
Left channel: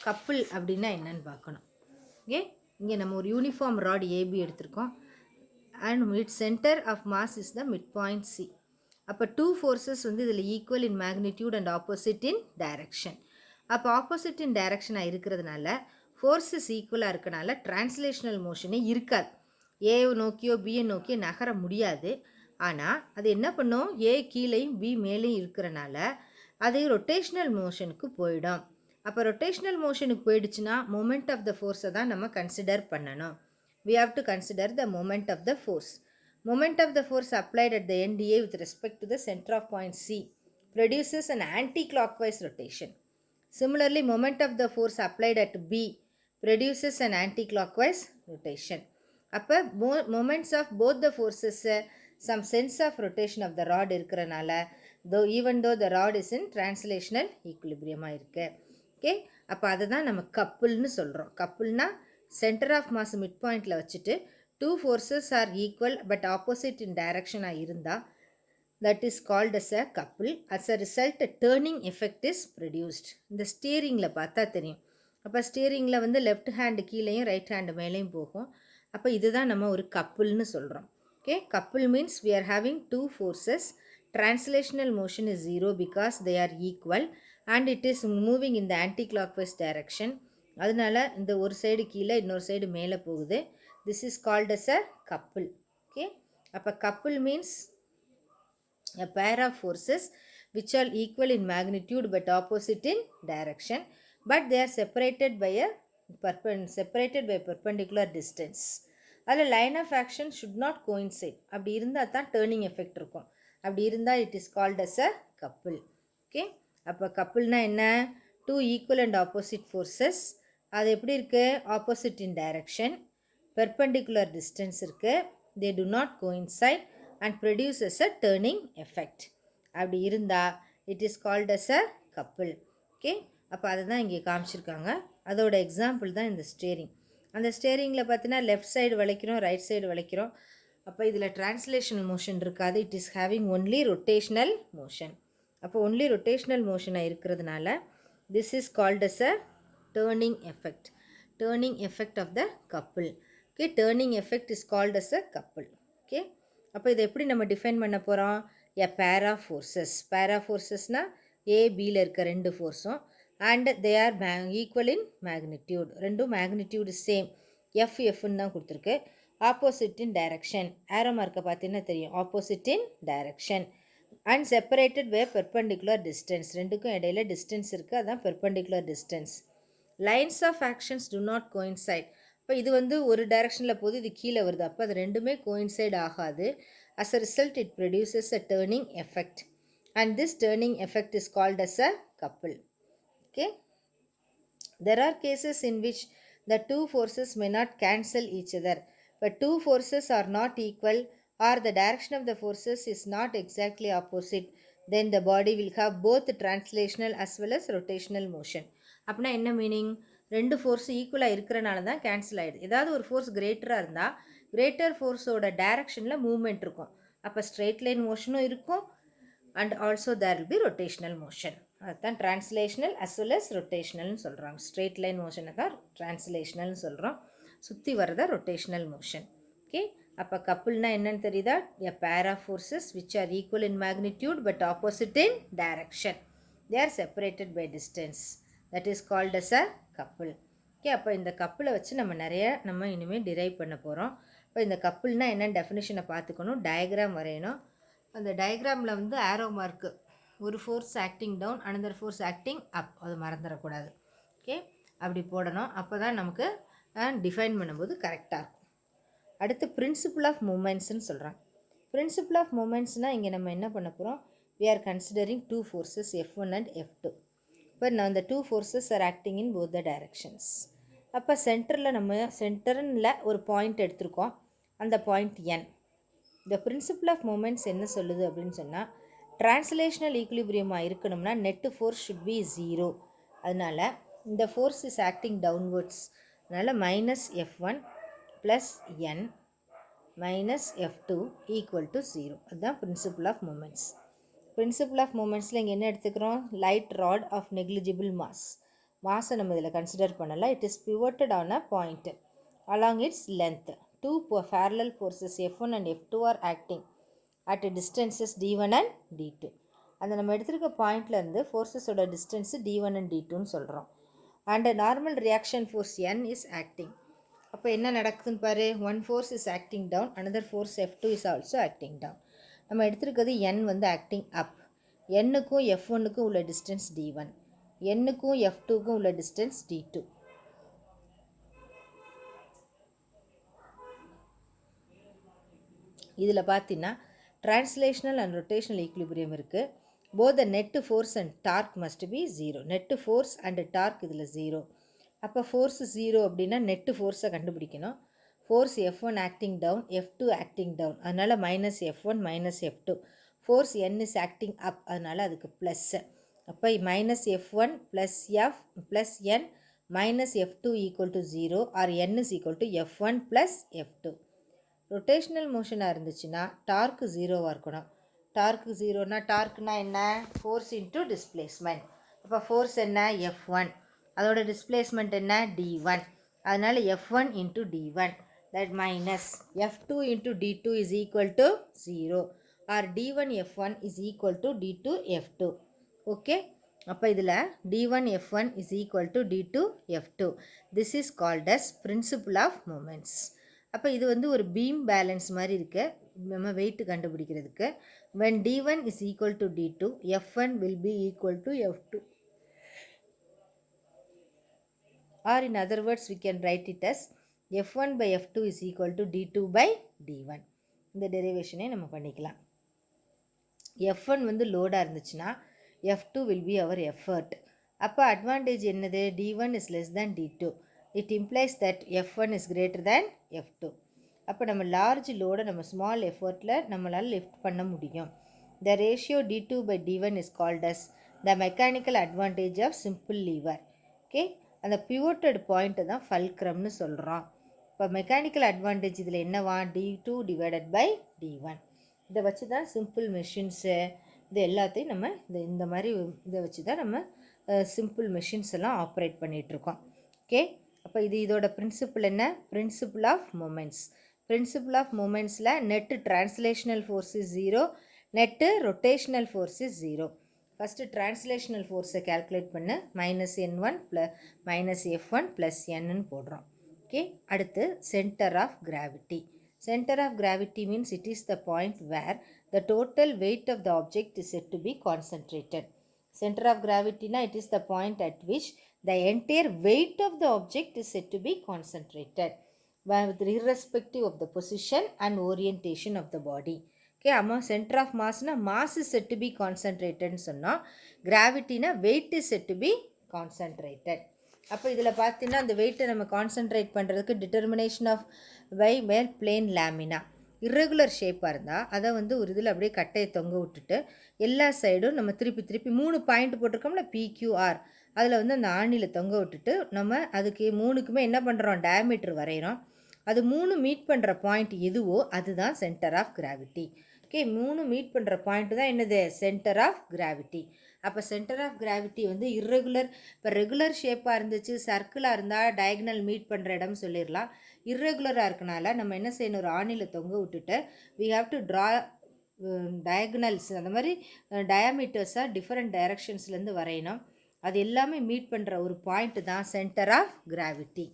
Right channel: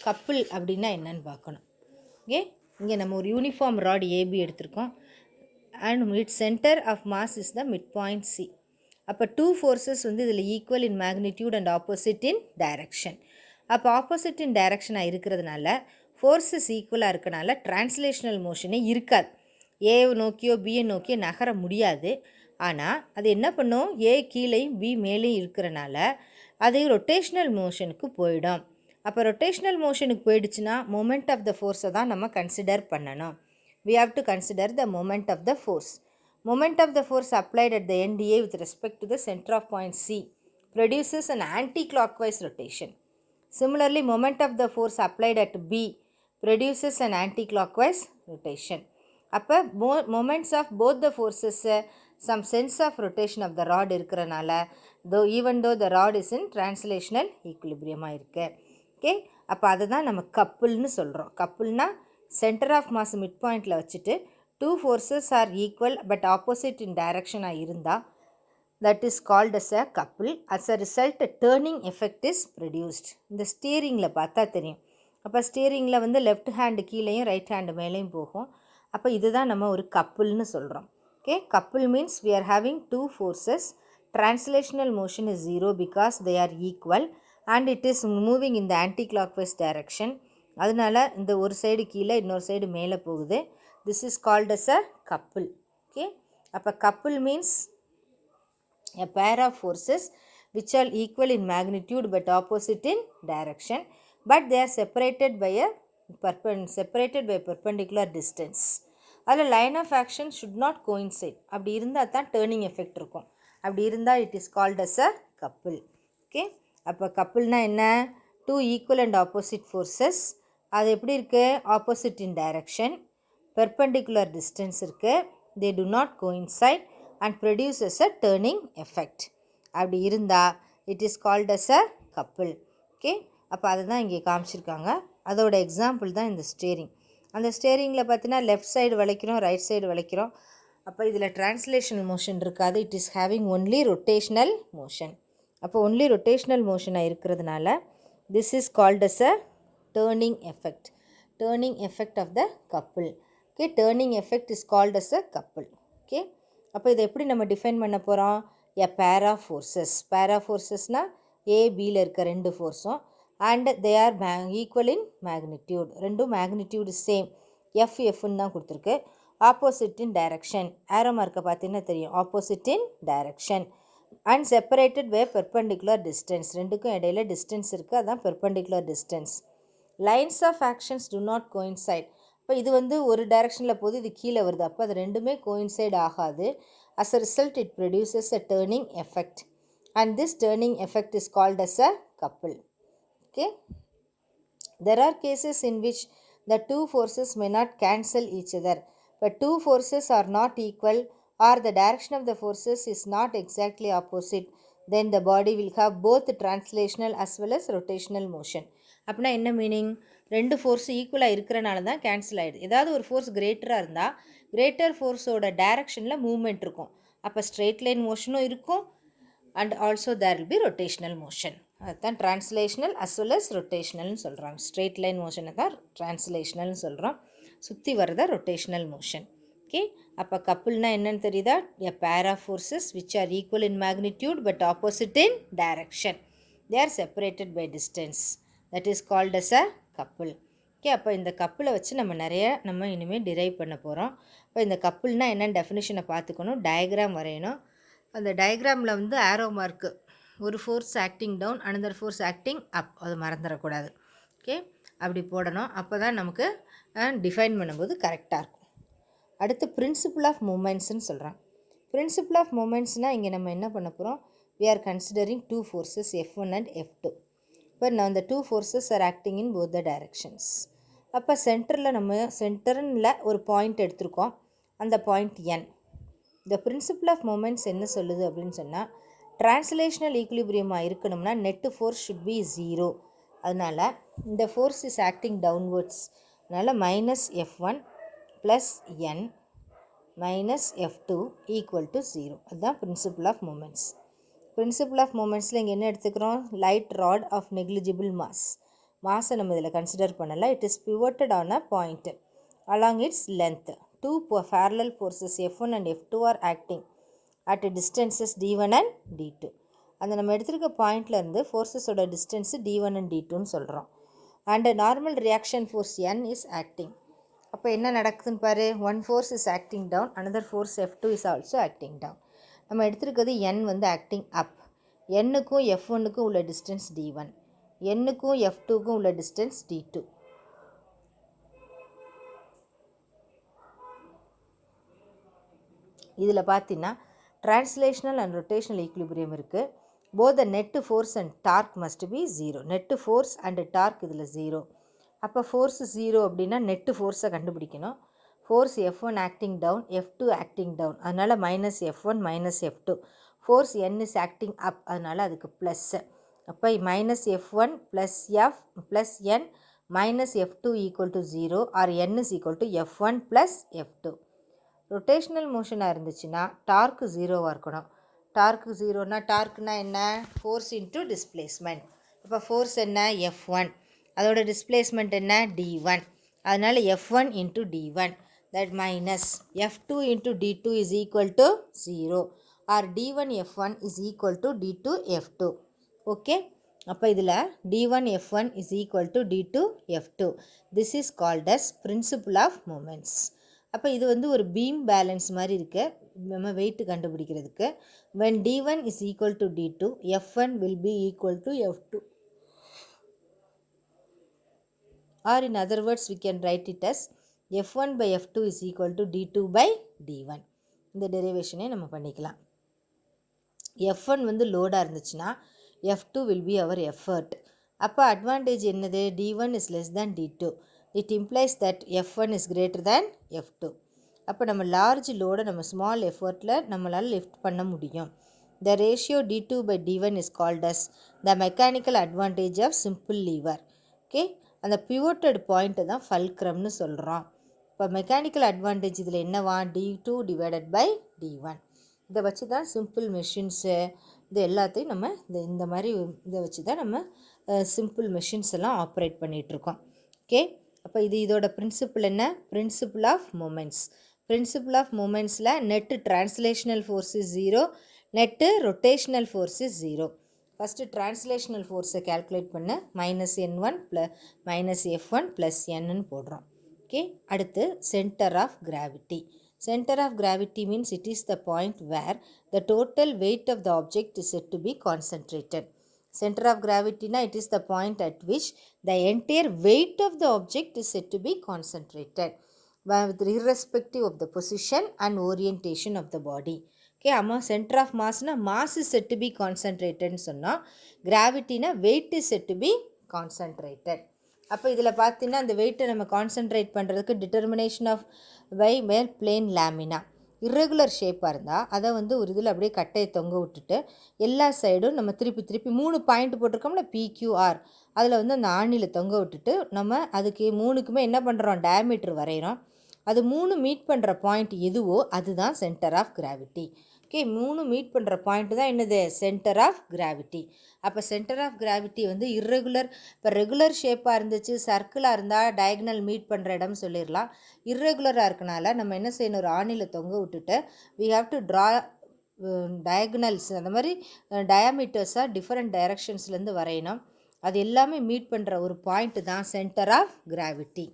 Couple அப்படின்னா என்னன்னு பார்க்கணும். ஓகே. இங்கே நம்ம ஒரு யூனிஃபார்ம் ராட் ஏபி எடுத்திருக்கோம். And its centre of mass is the mid point C. அப்போ 2 ஃபோர்ஸஸ் வந்து இதில் equal in magnitude and opposite in direction. அப்போ ஆப்போசிட் இன் டைரக்ஷனாக இருக்கிறதுனால ஃபோர்ஸஸ் ஈக்குவலாக இருக்கனால டிரான்ஸ்லேஷனல் மோஷனே இருக்காது. ஏ நோக்கியோ பியை நோக்கியோ நகர முடியாது. ஆனால் அது என்ன பண்ணும், ஏ கீழேயும் பி மேலேயும் இருக்கிறனால அது ரொட்டேஷ்னல் மோஷனுக்கு போயிடும். அப்போ ரொட்டேஷ்னல் மோஷனுக்கு போயிடுச்சுன்னா மொமெண்ட் ஆஃப் த ஃபோர்ஸை தான் நம்ம கன்சிடர் பண்ணணும். we have to consider the moment of the force. Moment of the force applied at the end A with respect to the center of point C produces an anti-clockwise rotation. Similarly, moment of the force applied at B produces an anti-clockwise rotation. அப்போ moments of both the forces some sense of rotation of the rod இருக்கிறனால even though the rod is in translational equilibrium இருக்கு. Okay. அப்போ அதை தான் நம்ம கப்புள்னு சொல்கிறோம். கப்புள்னா சென்டர் ஆஃப் மாஸ் மிட் பாயிண்டில் வச்சுட்டு 2 forces are equal but opposite in டைரக்ஷனாக இருந்தால் that is called as a couple. As a result turning effect is produced. இந்த ஸ்டியரிங்கில் பார்த்தா தெரியும். அப்போ ஸ்டியரிங்கில் வந்து லெஃப்ட் ஹேண்டு கீழேயும் ரைட் ஹேண்டு மேலேயும் போகும். அப்போ இதுதான் நம்ம ஒரு கப்புள்னு சொல்கிறோம். Okay. Couple means we are having 2 forces. Translational motion is 0 because they are equal and it is moving in the anti-clockwise direction. அதனால இந்த ஒரு சைடு கீழே இன்னொரு சைடு மேலே போகுது. This is called as a couple. Okay. அப்போ couple means a pair of forces which are equal in magnitude but opposite in direction, but they are separated by perpendicular distance. அதில் line of action should not coincide. அப்படி இருந்தால் தான் turning effect இருக்கும். அப்படி இருந்தால் it is called as a couple. Okay. அப்போ கப்புள்னா என்ன? 2 ஈக்குவல் அண்ட் ஆப்போசிட் ஃபோர்ஸஸ். அது எப்படி இருக்குது? Opposite in direction, perpendicular distance இருக்குது, they do not coincide and produces a turning effect. அப்படி இருந்தால் it is called as a couple. Okay. அப்போ அதை தான் இங்கே காமிச்சிருக்காங்க. அதோட எக்ஸாம்பிள் தான் இந்த ஸ்டியரிங். அந்த ஸ்டியரிங்கில் பார்த்தீங்கன்னா லெஃப்ட் சைடு வளைக்கிறோம், ரைட் சைடு வளைக்கிறோம். அப்போ இதில் டிரான்ஸ்லேஷனல் மோஷன் இருக்காது. It is having only rotational motion. அப்போ ஒன்லி ரொட்டேஷ்னல் மோஷனாக இருக்கிறதுனால this is called as a turning effect. Turning effect of the couple. Okay. Turning effect is called as a couple. Okay. அப்போ இதை எப்படி நம்ம define பண்ண போகிறோம்? A pair of forces. Pair of ஃபோர்ஸஸ்னால் ஏபியில் இருக்க 2 ஃபோர்ஸும் and they are equal in magnitude. ரெண்டும் மேக்னிடியூடு சேம். எஃப்னு தான் கொடுத்துருக்கு. Opposite in direction. ஆரோ மார்க்கை பார்த்தீங்கன்னா தெரியும். Opposite in direction and separated by perpendicular distance. ரெண்டுக்கும் இடையில டிஸ்டன்ஸ் இருக்குது, அதுதான் perpendicular distance. Lines of actions do not coincide. இப்போ இது வந்து ஒரு டைரக்ஷனில் போது, இது கீழே வருது. அப்போ அது ரெண்டுமே கோயின்சைட் ஆகாது. As a result it produces a turning effect and this turning effect is called as a couple. Okay. There are cases in which the 2 forces may not cancel each other, but 2 forces are not equal or the direction of the forces is not exactly opposite, then the body will have both translational as well as rotational motion. அப்படின்னா என்ன meaning? 2 force ஈக்குவலாக இருக்கிறனால தான் cancel ஆகிடுது. ஏதாவது ஒரு force கிரேட்டராக இருந்தால் greater ஃபோர்ஸோட டைரக்ஷனில் மூவ்மெண்ட் இருக்கும். அப்போ ஸ்ட்ரெயிட் லைன் மோஷனும் இருக்கும் and also there will be rotational motion. அதுதான் டிரான்ஸ்லேஷ்னல் அஸ் வெல் அஸ் ரொட்டேஷ்னல்னு சொல்கிறாங்க. ஸ்ட்ரெயிட் லைன் மோஷனை தான் டிரான்ஸ்லேஷ்னல்னு சொல்கிறோம். சுற்றி வரத ரொட்டேஷ்னல் மோஷன். ஓகே. அப்போ கப்புள்னா என்னன்னு தெரியுதா? A pair of forces which are equal in magnitude but opposite in direction. They are separated by distance. That is called as a couple. Okay. அப்போ இந்த கப்புளை வச்சு நம்ம இனிமேல் டிரைவ் பண்ண போகிறோம். இப்போ இந்த கப்புள்னா என்னென்னு டெஃபினிஷனை பார்த்துக்கணும். டயக்ராம் வரையணும். அந்த டயக்ராமில் வந்து ஆரோ மார்க்கு ஒரு force acting down, another force acting up, அது மறந்துடக்கூடாது. ஓகே, அப்படி போடணும். அப்போ தான் நமக்கு டிஃபைன் பண்ணும்போது கரெக்டாக இருக்கும். அடுத்து பிரின்சிபிள் ஆஃப் மூமெண்ட்ஸ்ன்னு சொல்கிறாங்க. பிரின்சிபிள் ஆஃப் மூமெண்ட்ஸ்னால் இங்கே நம்ம என்ன பண்ண போகிறோம்? we are considering two forces F1 and F2. இப்போ நான் the two forces are acting in both the directions. அப்போ சென்டரில் நம்ம சென்டரில் ஒரு பாயிண்ட் எடுத்திருக்கோம், அந்த point N. the principle of moments என்ன சொல்லுது அப்படின்னு சொன்னால், டிரான்ஸ்லேஷனல் ஈக்குலிபிரியமாக இருக்கணும்னா நெட்டு ஃபோர்ஸ் ஷுட் பி 0. அதனால் இந்த ஃபோர்ஸ் இஸ் ஆக்டிங் டவுன்வர்ட்ஸ். அதனால் minus F1 plus N minus F2 equal to 0. அதுதான் principle of moments. Principle of மூமெண்ட்ஸில் இங்கே என்ன எடுத்துக்கிறோம்? Light rod of negligible mass. மாஸை நம்ம இதில் கன்சிடர் பண்ணலை. It is pivoted on a point along its length. Two parallel forces F1 and F2 are acting at distances D1 and D2. அந்த நம்ம எடுத்துருக்க பாயிண்ட்லேருந்து ஃபோர்ஸஸோட டிஸ்டன்ஸு D1 and D2ன்னு சொல்கிறோம். And normal reaction force N is acting. அப்போ என்ன நடக்குதுன்னு பாரு. One force is acting down, another force F2 is also acting down. நம்ம எடுத்துருக்கிறது N வந்து ஆக்டிங் அப். Nக்கும் F1க்கும் உள்ள டிஸ்டன்ஸ் D1, Nக்கும் F2க்கும் உள்ள டிஸ்டன்ஸ் D2. இதில் பார்த்தீங்கன்னா டிரான்ஸ்லேஷனல் அண்ட் ரொட்டேஷனல் ஈக்குலிபிரியம் இருக்குது. Both the net force and torque must be 0. Net force and torque இதில் 0. அப்போ ஃபோர்ஸ் 0 அப்படின்னா நெட்டு ஃபோர்ஸை கண்டுபிடிக்கணும். Force F1 acting down, F2 acting down, அதனால் minus F1 minus F2. Force N is acting up, அதனால் அதுக்கு plus. அப்போ minus F1 plus F plus N minus F2 equal to 0 or N is equal to F1 plus F2. Rotational மோஷனாக இருந்துச்சுன்னா torque 0வாக இருக்கணும். Torque 0னா டார்க்குனா என்ன? Force into displacement. அப்போ ஃபோர்ஸ் என்ன? F1. அதோட டிஸ்பிளேஸ்மெண்ட் என்ன? D1. அதனால் F1 into D1 that minus F2 into D2 is equal to 0 or D1 F1 is equal to D2 F2. Okay, அப்போ இதில் D1 F1 is equal to D2 F2. This is called as principle of moments. அப்போ இது வந்து ஒரு beam balance மாதிரி இருக்குது நம்ம weight கண்டுபிடிக்கிறதுக்கு. when D1 is equal to D2, F1 will be equal to F2. Or in other words, we can write it as F1 by F2 is equal to D2 by D1. இந்த டெரிவேஷனே நம்ம பண்ணிக்கலாம். F1 வந்து லோடாக இருந்துச்சுன்னா F2 will be our effort. அப்போ advantage என்னது? D1 is less than D2. It implies that F1 is greater than F2. அப்போ நம்ம large லோடை நம்ம ஸ்மால் எஃபர்ட்டில் நம்மளால் லிஃப்ட் பண்ண முடியும். The ratio D2 by D1 is called as the mechanical advantage of simple lever. Okay, அந்த பிவோட்டட் பாயிண்ட்டை தான் ஃபல்க்ரம்னு சொல்கிறோம். இப்போ மெக்கானிக்கல் அட்வான்டேஜ் இதில் என்னவா? D2 divided by D1. இதை வச்சு தான் சிம்பிள் மெஷின்ஸு இது எல்லாத்தையும் நம்ம இந்த மாதிரி இதை வச்சு தான் நம்ம சிம்பிள் மெஷின்ஸ் எல்லாம் ஆப்ரேட் பண்ணிகிட்ருக்கோம். ஓகே, அப்போ இதோட பிரின்சிபிள் என்ன? Principle of moments. Principle of மூமெண்ட்ஸில் net translational force is 0, net rotational force is 0. First translational ஃபோர்ஸை கேல்குலேட் பண்ண minus N1 minus F1 plus Nன்னு போடுறோம். ஓகே, அடுத்து centre of gravity. Center of gravity means it is the point where the total weight of the object is said to be concentrated. Center of gravity na it is the point at which the entire weight of the object is said to be concentrated with irrespective of the position and orientation of the body. Okay, amma center of mass na mass is said to be concentrated nu sonna, gravity na weight is said to be concentrated. அப்போ இதில் பார்த்தீங்கன்னா அந்த வெயிட்டை நம்ம concentrate பண்ணுறதுக்கு determination of by மேல் plane lamina. Irregular ஷேப்பாக இருந்தால் அதை வந்து ஒரு இதில் அப்படியே கட்டையை தொங்க விட்டுட்டு எல்லா சைடும் நம்ம திருப்பி 3 பாயிண்ட் போட்டிருக்கோம்ல PQR, அதில் வந்து அந்த ஆணியில் தொங்க விட்டுட்டு நம்ம அதுக்கு 3க்குமே என்ன பண்ணுறோம்? டயாமீட்டர் வரைகிறோம். அது 3 மீட் பண்ணுற பாயிண்ட் எதுவோ அதுதான் centre of gravity. Okay, 3 meet பண்ணுற பாயிண்ட் தான் என்னது? Centre of gravity. அப்போ சென்டர் ஆஃப் கிராவிட்டி வந்து இர்ரெகுலர், இப்போ ரெகுலர் ஷேப்பாக இருந்துச்சு சர்க்கிளாக இருந்தால் டயக்னல் மீட் பண்ணுற இடம் சொல்லிடலாம். இர்ரெகுலராக இருக்கனால நம்ம என்ன செய்யணும்? ஒரு ஆணியில் தொங்க விட்டுட்டு we have to draw diagonals, அந்த மாதிரி டயாமீட்டர்ஸாக டிஃப்ரெண்ட் டைரக்ஷன்ஸ்லேருந்து வரையணும். அது எல்லாமே மீட் பண்ணுற ஒரு பாயிண்ட் தான் centre of gravity.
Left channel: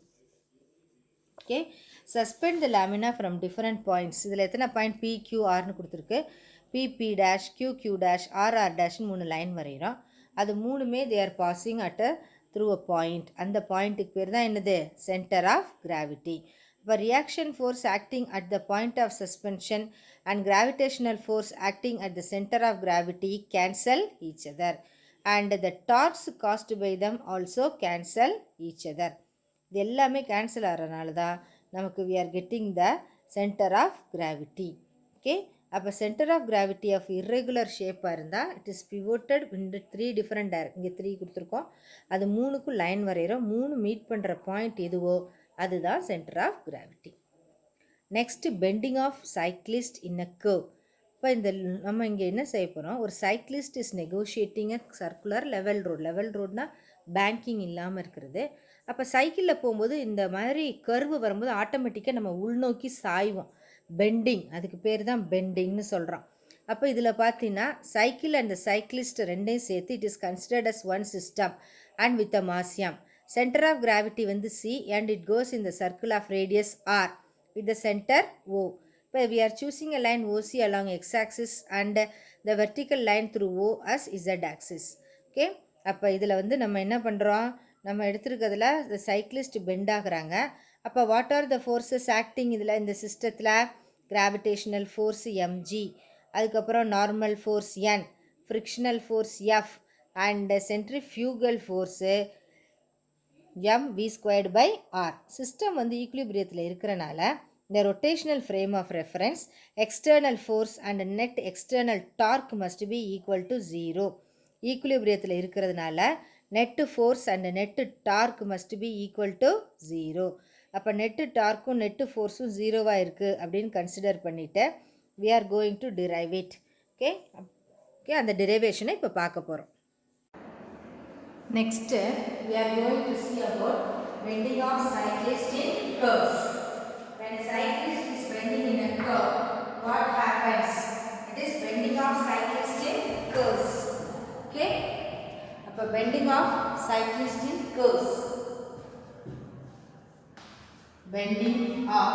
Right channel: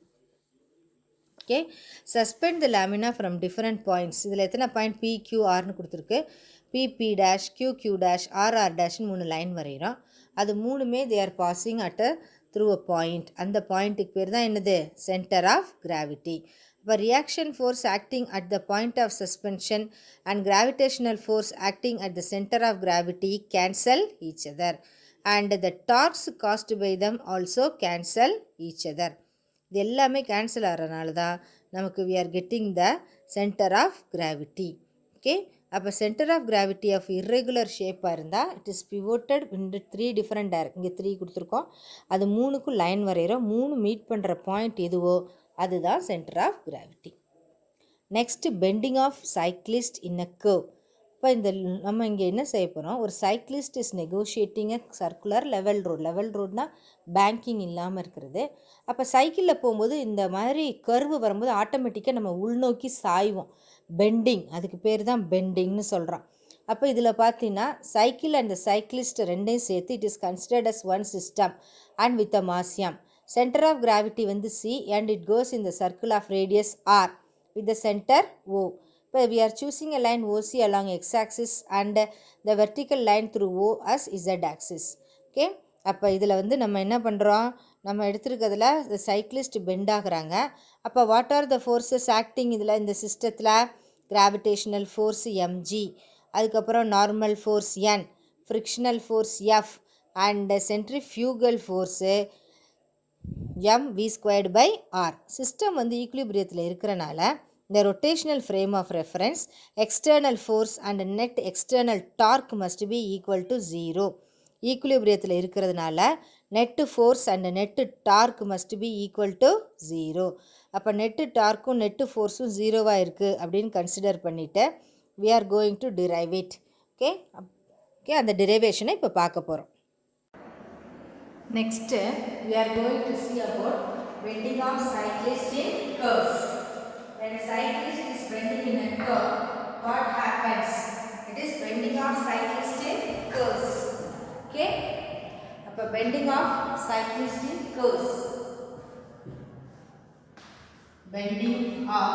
Okay, suspend the lamina from different points. இதில் எத்தனை பாயிண்ட் PQRனு கொடுத்துருக்கு? PP dash, QQ dash, RR dash மூணு லைன் வரைகிறோம். அது மூணுமே they are passing at a through a point. அந்த பாயிண்ட்டுக்கு பேர் தான் என்னது? Centre of gravity. இப்போ reaction force acting at the point of suspension and gravitational force acting at the centre of gravity cancel each other and the torques caused by them also cancel each other. இது எல்லாமே cancel ஆகிறதுனால தான் நமக்கு we are getting the center of gravity. Okay, அப்போ centre of gravity of irregular ஷேப்பாக இருந்தால் it is pivoted into 3 different இங்கே 3 கொடுத்துருக்கோம். அது மூணுக்கும் லைன் வரைகிறோம். மூணு மீட் பண்ணுற பாயிண்ட் எதுவோ அதுதான் centre of gravity. Next bending of cyclist in a curve. இப்போ இந்த நம்ம இங்கே என்ன செய்ய போகிறோம்? ஒரு cyclist is negotiating a circular level road. Level ரோட்னா பேங்கிங் இல்லாமல் இருக்கிறது. அப்போ சைக்கிளில் போகும்போது இந்த மாதிரி கர்வு வரும்போது ஆட்டோமேட்டிக்காக நம்ம உள்நோக்கி சாய்வோம். பெண்டிங், அதுக்கு பேர் தான் பெண்டிங்னு சொல்கிறோம். அப்போ இதில் பார்த்தீங்கன்னா சைக்கிள் அண்ட் சைக்கிளிஸ்ட் ரெண்டையும் சேர்த்து it is considered as one system and with a மாசியம். சென்டர் ஆஃப் கிராவிட்டி வந்து C and it goes in the circle of radius R with the center O. இப்போ we are choosing a line OC along x-axis and the vertical line through O as z-axis. Okay, அப்போ இதில் வந்து நம்ம என்ன பண்ணுறோம்? நம்ம எடுத்துருக்கிறதுல cyclist bend ஆகுறாங்க. அப்போ what are the forces acting இதில் இந்த சிஸ்டத்தில்? கிராவிடேஷனல் ஃபோர்ஸ் mg, அதுக்கப்புறம் normal force n, frictional force f and centrifugal force mv²/r. System வந்து ஈக்குலிபிரியத்தில் இருக்கிறனால இந்த rotational frame of reference external force and net external torque must be equal to 0. ஈக்குலிபிரியத்தில் இருக்கிறதுனால net force and net torque must be equal to 0. அப்போ net டார்க்கும் net ஃபோர்ஸும் 0வாக இருக்குது அப்படின்னு consider பண்ணிவிட்டு we are going to derive it. Okay, அந்த டெரிவேஷனை இப்போ பார்க்க போகிறோம். Next, we are going to see about bending of cyclist in curves. When a cyclist is bending in a curve, what happens? It is bending of cyclist in curves. Okay? Appo bending of cyclist in curves. Bending of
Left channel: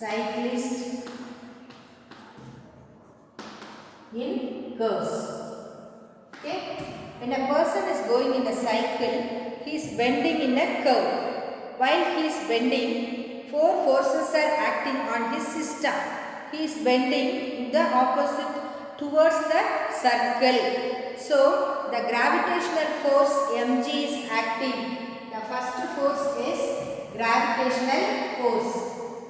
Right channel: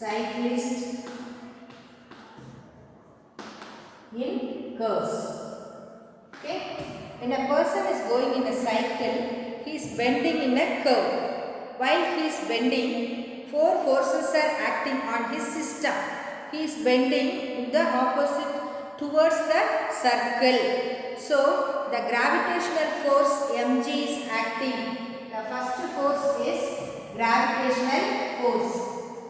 cyclist in curves. Okay, when a person is going in a cycle, he is bending in a curve. While he is bending, 4 forces are acting on his system. He is bending in the opposite towards the circle. So the gravitational force mg is acting. The first force is gravitational force.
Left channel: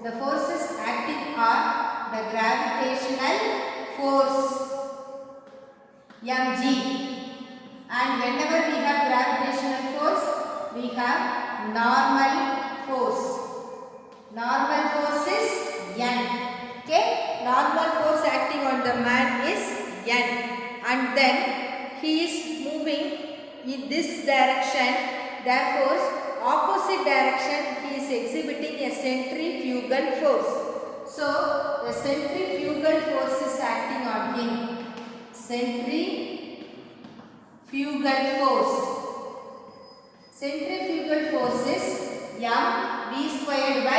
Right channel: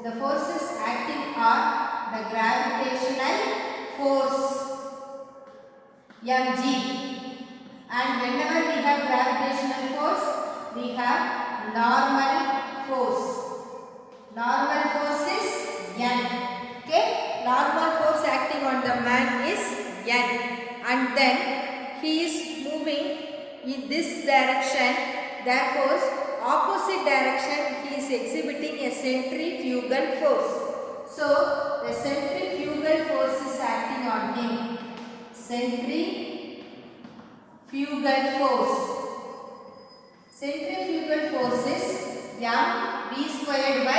The forces acting are the gravitational force mg, and whenever we have gravitational force we have normal force. Normal force is n. Okay, normal force acting on the man is n, and then he is moving in this direction. Therefore opposite direction he is exhibiting a centrifugal force. So the centrifugal force is acting on him. Centrifugal force. Centrifugal force is mv²/r.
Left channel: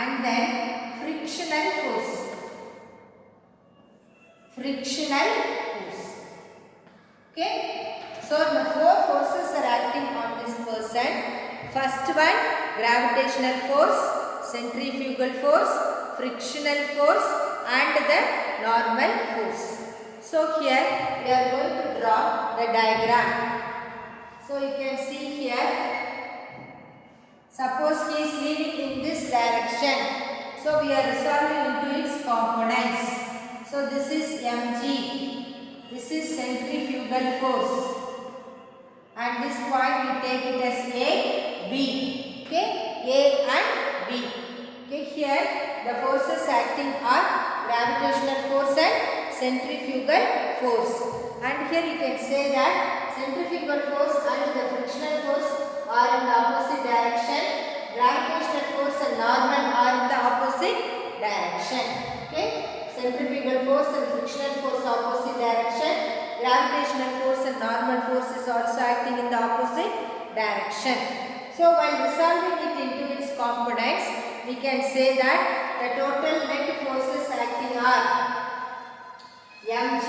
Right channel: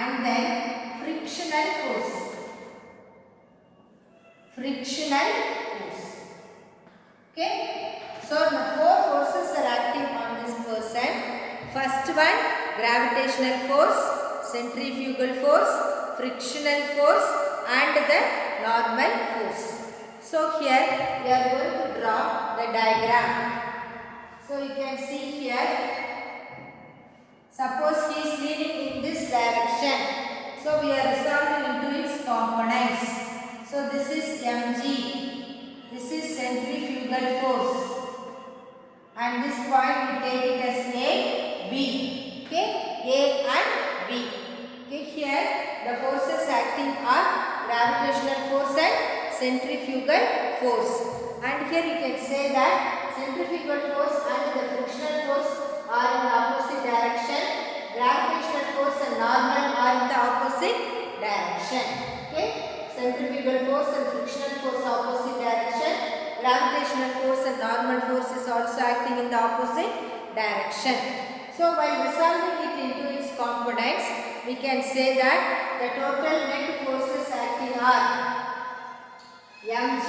And then frictional force. Frictional force. Okay. So the 4 forces are acting on this person. First one, gravitational force, centrifugal force, frictional force and the normal force. So here we are going to draw the diagram. So you can see here, suppose he is moving in this direction. So we are resolving into its components. So this is mg, this is centrifugal force, and this point we take it as A, B. Okay, A and B. Okay, here the forces acting are gravitational force and centrifugal force, and here you can say that centrifugal force and the frictional force are in the opposite direction. Gravitational force and normal are in the opposite direction. Okay, centrifugal force and frictional force opposite direction. Gravitational force and normal force is also acting in the opposite direction. So So while resolving it into its components, we can say that the total net forces acting are mg.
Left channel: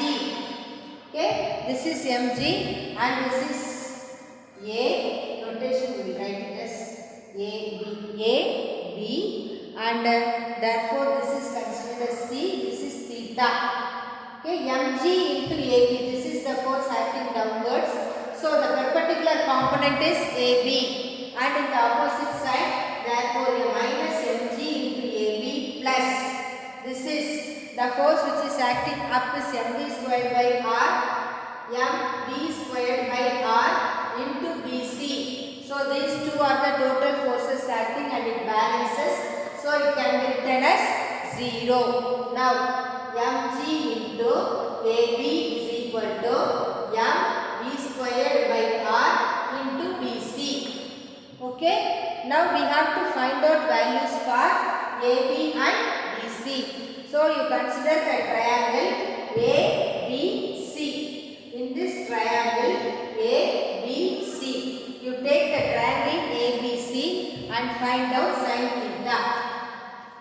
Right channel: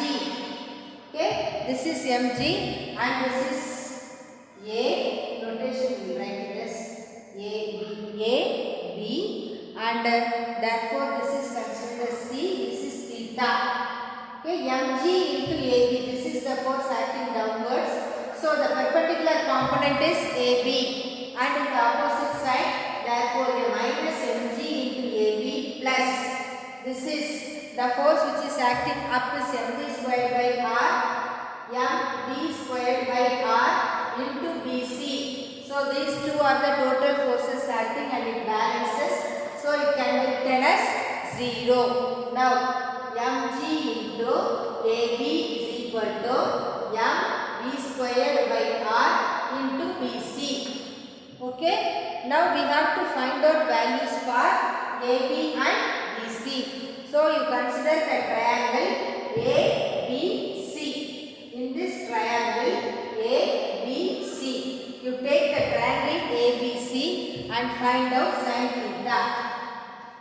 Okay, this is mg and this is a. Notation we will write it as a b and therefore this is considered as c. This is theta. Okay, mg into ab. This is the force acting downwards. So the perpendicular component is ab and in the opposite side, therefore a minus mg into ab plus. This is the force which is acting up is mv squared by r, mv squared by r into bc. So these two are the total forces acting and it balances. So it can be written as 0. Now mg into ab is equal to mv squared by r into bc. Okay. Now we have to find out values for ab and bc. So you consider the triangle ABC. In this triangle ABC, you take the triangle ABC and find out sin theta.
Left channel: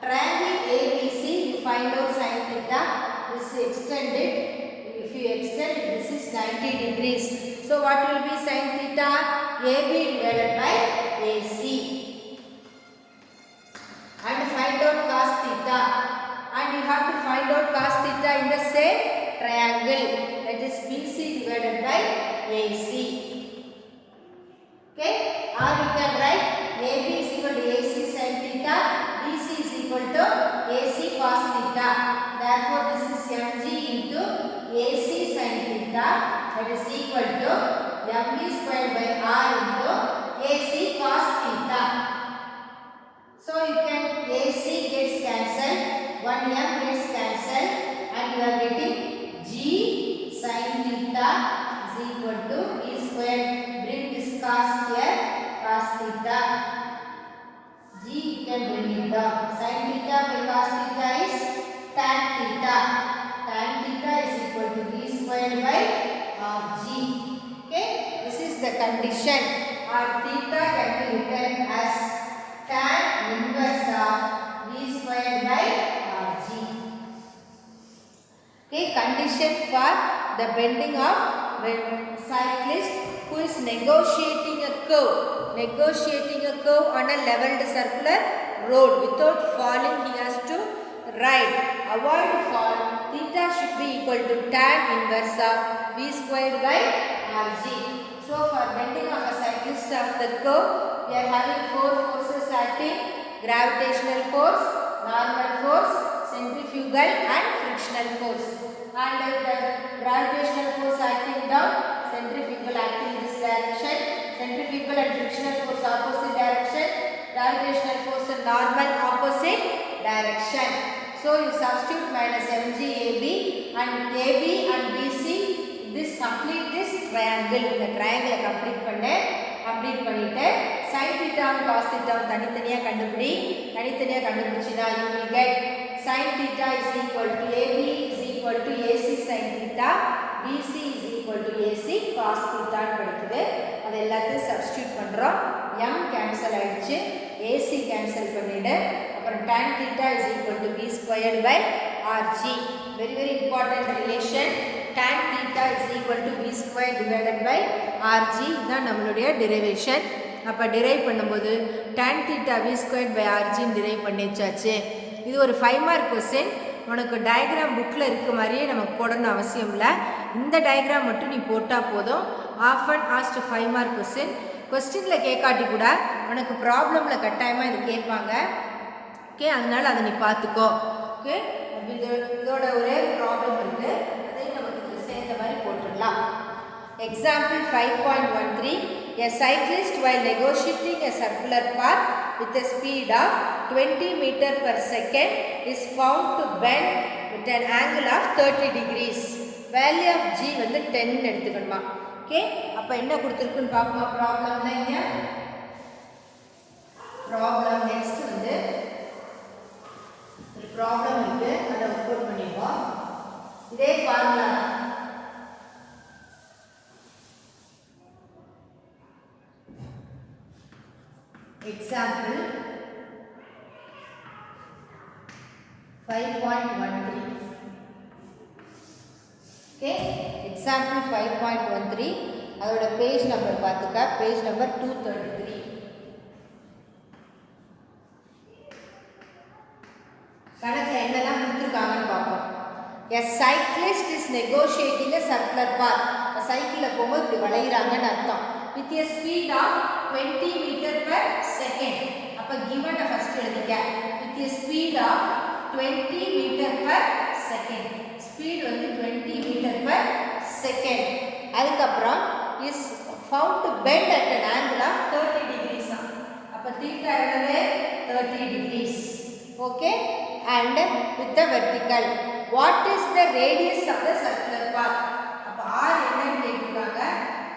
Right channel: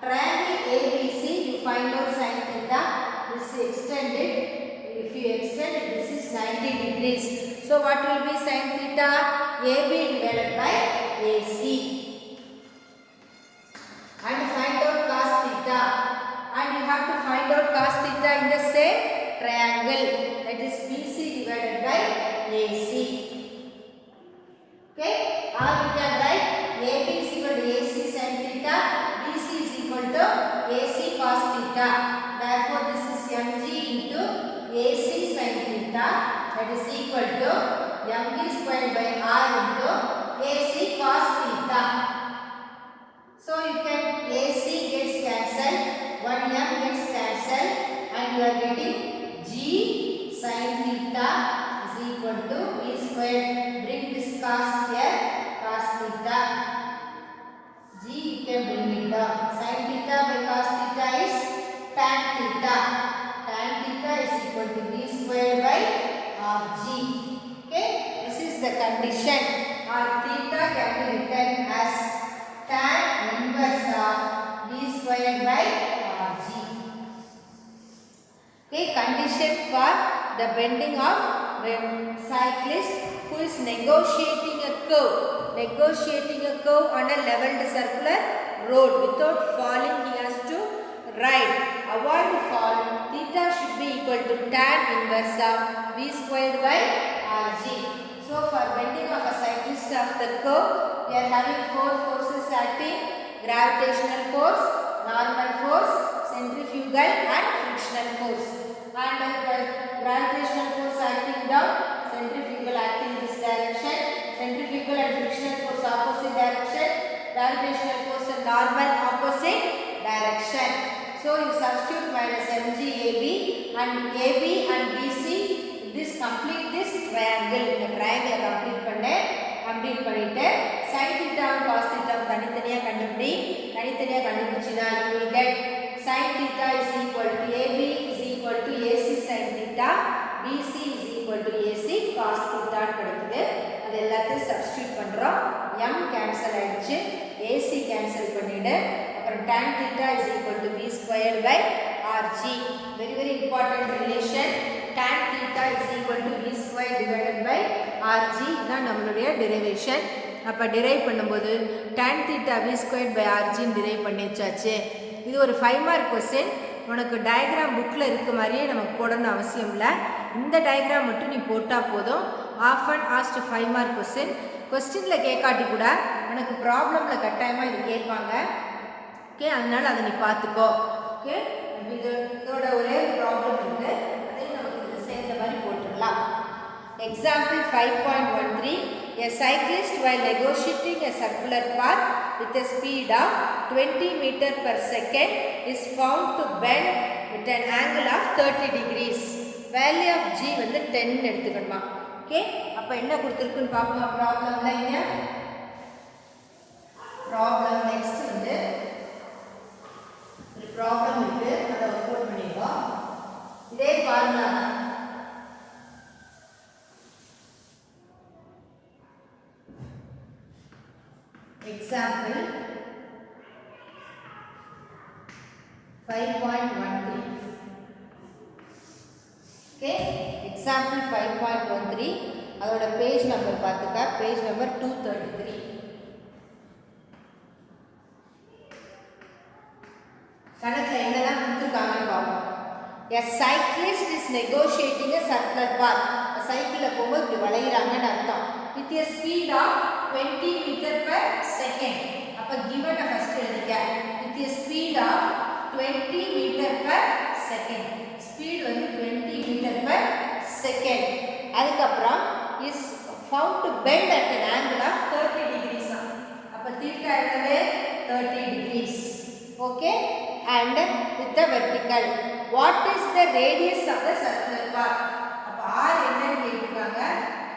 Triangle ABC, you find out sin theta. This is extended. If you extend it, this is 90 degrees. So what will be sin theta? AB divided by AC. And find out cos theta. And you have to find out cos theta in the same triangle, that is BC divided by AC. Okay, or you can write AB is equal to AC sin theta, BC is equal to AC cos theta. Therefore, this is mg into AC sin theta, that is equal to mv squared by r into AC cos theta. So you can AC gets cancelled, 1 m gets cancelled, and you are getting g sin theta is equal to v squared. Bring this cos here, cos theta. G you can bring it down. Sin theta by cos theta is tan theta. Tan theta is equal to v squared by rg. Okay, this is the condition. Or theta can be written as tan inverse of v squared by rg. Okay, condition for the bending of the cyclist who is negotiating a curve on a leveled circular road without falling. He has to ride. Avoid fall. Theta should be equal to tan inverse of v squared by rg. So for bending of a cyclist of the curve, we are having 4 forces acting: gravitational force, normal force, centrifugal and frictional force. And the gravitational force acting down, centrifugal acting this direction, centrifugal and frictional force opposite direction, gravitational force and normal opposite direction. So you substitute minus mg AB and BC. This complete this triangle. The triangle complete பண்ணிட்டு sin theta and cos theta தனித்தனியா கண்டுபிடிச்சினா you will get sin theta is equal to AB is equal to AC sin theta, BC is equal to AC cos theta கிடைக்குது. அது எல்லாத்தையும் substitute பண்றோம். m cancel ஆயிடுச்சு, AC cancel பண்ணிடு. அப்புறம் tan theta is equal to v squared by rg. Very important relation. Tan theta is equal to v squared divided by rg. இதுதான் நம்மளுடைய derivation. அப்போ டிரைவ் பண்ணும்போது tan theta v squared by rg derive பண்ணிச்சாச்சு. இது ஒரு 5 mark question. உனக்கு diagram புக்கில் இருக்க மாதிரியே நமக்கு போடணும் அவசியம் இல்லை. இந்த டயக்ராம் மட்டும் நீ போட்டால் போதும். Often asked 5 mark question. கொஸ்டினில் கேட்காட்டி கூட உனக்கு ப்ராப்ளமில் கட்டாயமாக இது கேட்பாங்க. ஓகே, அதனால் அதை நீ பார்த்துக்கோ. ஓகே, இதோட ஒரே ப்ராப்ளம் இருக்குது, அதையும் நமக்கு இதில் சேர்ந்த மாதிரி போட்டுடலாம். Example 5.13. A cyclist while negotiating a circular path with a speed of 20 meter per second is found to bend with an angle of 30 degrees. Value of G வந்து 10 எடுத்துக்கணுமா. ஓகே, அப்போ என்ன கொடுத்துருக்குன்னு பார்க்கணுமா ப்ராப்ளம்ல. இங்கே ப்ராப்ளம் நெக்ஸ்ட் வந்து ஒரு ப்ராப்ளம் இருக்கு, அதை work out பண்ணிடுவோம். இதே ஃபார்முலா தான். Example 5.13. Okay, example 5.13. அதோட பேஜ் நம்பர் பார்த்துக்க, பேஜ் நம்பர் 233. கணக்கில் என்னெல்லாம் கொடுத்துருக்காங்கன்னு பார்ப்போம். A cyclist is negotiating a circular path. சைக்கிளில் போகும்போது இப்படி வளைகிறாங்கன்னு அர்த்தம். With a speed of 20 meter per second. அப்போ given ஃபர்ஸ்ட் எழுதிக்க. With a speed of 20 meter per second. ஸ்பீட் வந்து 20 meter per second. அதுக்கப்புறம் is found to bend at an angle of 30 degrees. அப்போ theta எவ்வளவு 30 degrees. Okay, and with the vertical. What is the radius of the circular path? அப்போ r என்னன்னு கேட்டிருக்காங்க.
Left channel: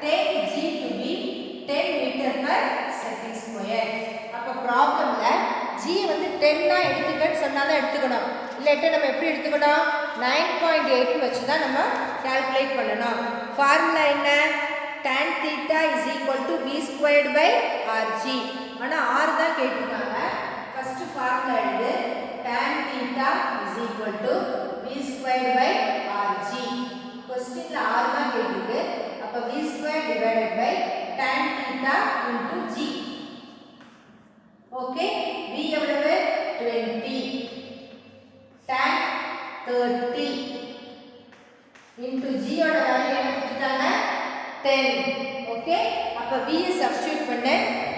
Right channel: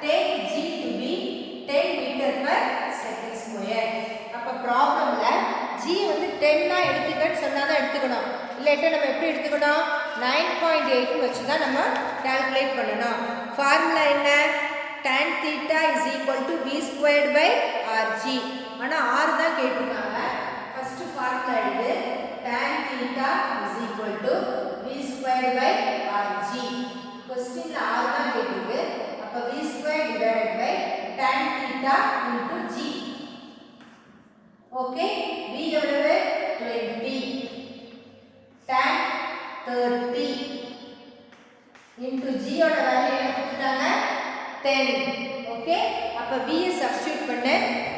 Take g to be 10 meter per second square. அப்போ ப்ராப்ளம்ல g வந்து 10 எடுத்துக்கன்னு சொன்னாதான் எடுத்துக்கணும். இல்லாட்டா நம்ம எப்படி எடுத்துக்கணும்? 9.8 வச்சு தான் நம்ம கால்குலேட் பண்ணணும். ஃபார்முலா என்ன? tan theta is equal to v squared by rg. ஆனால் r தான் கேட்டிருக்காங்க. ஃபர்ஸ்ட் ஃபார்முலா எழுது. tan theta is equal to v squared by rg. क्वेश्चनல r தான் கேட்டிருக்கு. அப்ப v squared divided by tan theta into g. Okay, v எவ்வளவு 20, tan 30 into g ஓட value என்ன கொடுத்துட்டாங்க 10. ஓகே, அப்ப v சப்ஸ்டிட்யூட் பண்ண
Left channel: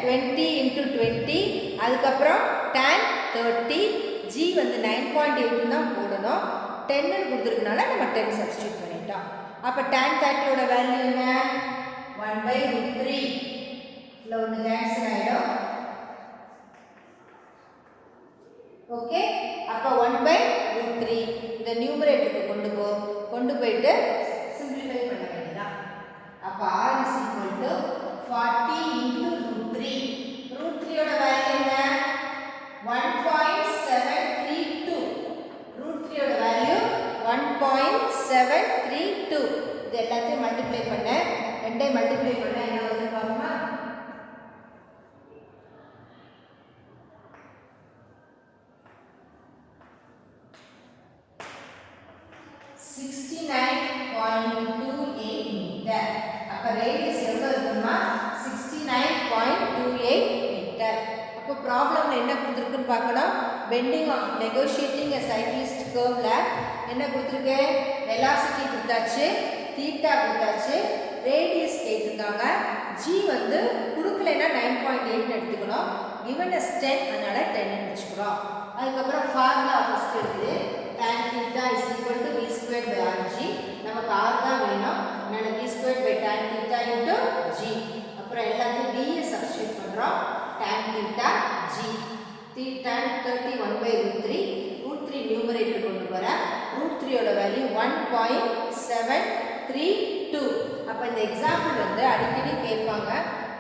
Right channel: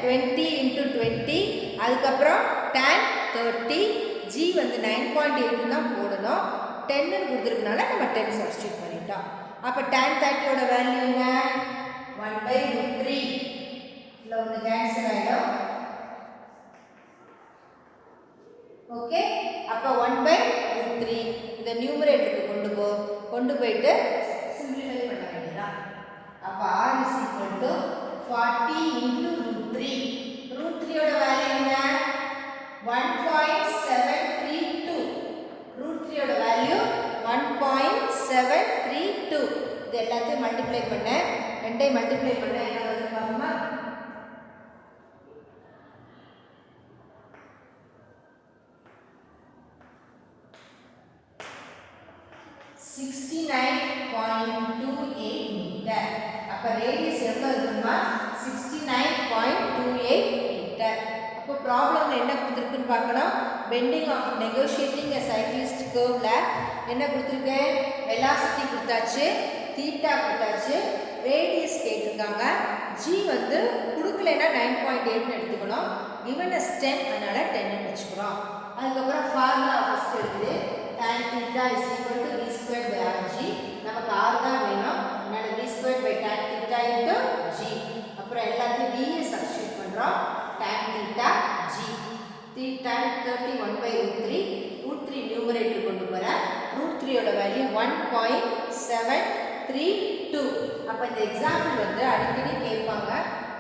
20 into 20, அதுக்கு அப்புறம் tan 30, g வந்து 9.8 தான் போடணும். 10 னு கொடுத்திருக்கனால நம்ம 10 சப்ஸ்டிட்யூட் பண்ணிட்டோம். அப்ப tan 30 ஓட வேல்யூ என்ன 1/√3. இல்ல ஒன்னு கேன்சல் ஆயிடும். ஓகே, அப்ப 1/√3 இத நியூமரேட்டருக்கு கொண்டு போயிட்டு சிம்பிளிஃபை பண்ண வேண்டியதா. அப்ப r is equal to 40 into √3. √3 ஓட வேல்யூ என்ன 1.732. √3 ஓட வேல்யூ 1.732. இது எல்லாத்தையும் மல்டிப்ளை பண்ண, ரெண்டையும் மல்டிப்ளை பண்ண என்ன வருது பாருமா. 69.28 மீட்டர். அப்ப ரேடியஸ் எவ்வளவு இருக்குமா 69.28 மீட்டர். அப்போ ப்ராப்ளம்ல என்ன கொடுத்திருக்குன்னு பார்க்கலாம். Bending of negotiating a cyclist கர்வ்ல என்ன கொடுத்திருக்கு? வெலாசிட்டி கொடுத்தாச்சு, தீட்டா கொடுத்தாச்சு, ரேடியஸ் கேட்டிருக்காங்க. g வந்து கொடுக்கலைன்னா 9.8 எடுத்துக்கணும். given as 10 அதனால 10 வச்சுக்கிறோம். அதுக்கப்புறம் ஃபார்முலா ஃபர்ஸ்ட் இருக்குது. tan theta is equal to v squared by rg. நமக்கு r தான் வேணும். அதனால v squared by tan theta into g. அப்புறம் எல்லாத்தையும் v சப்ஸ்டிட்யூட் பண்றோம். tan theta g. tan 30 1/√3. √3 numerator கொண்டு போற. √3 ஓட வேல்யூ 1.732. அப்ப இந்த எக்ஸாம்பிள் வந்து அடிக்கடி கேட்பாங்க.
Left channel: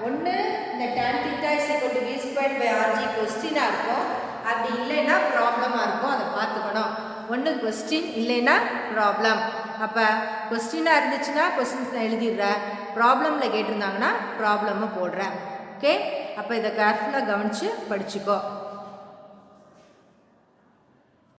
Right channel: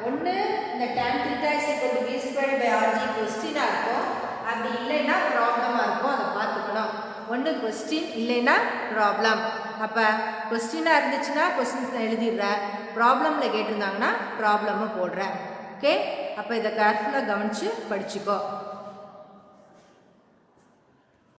ஒன்னு இந்த tan theta is equal to v squared by rg क्वेश्चनா இருக்கும். அப்படி இல்லைன்னா ப்ராப்ளமா இருக்கும். அதை பார்த்துக்கணும். ஒன்று கொஸ்டின் இல்லைன்னா ப்ராப்ளம். அப்போ கொஸ்டினாக இருந்துச்சுன்னா கொஸ்டின்ஸ் நான் எழுதிடுறேன். ப்ராப்ளமில் கேட்டிருந்தாங்கன்னா ப்ராப்ளமும் போடுறேன். ஓகே, அப்போ இதை கேர்ஃபுல்லாக கவனித்து படிச்சுக்கோ.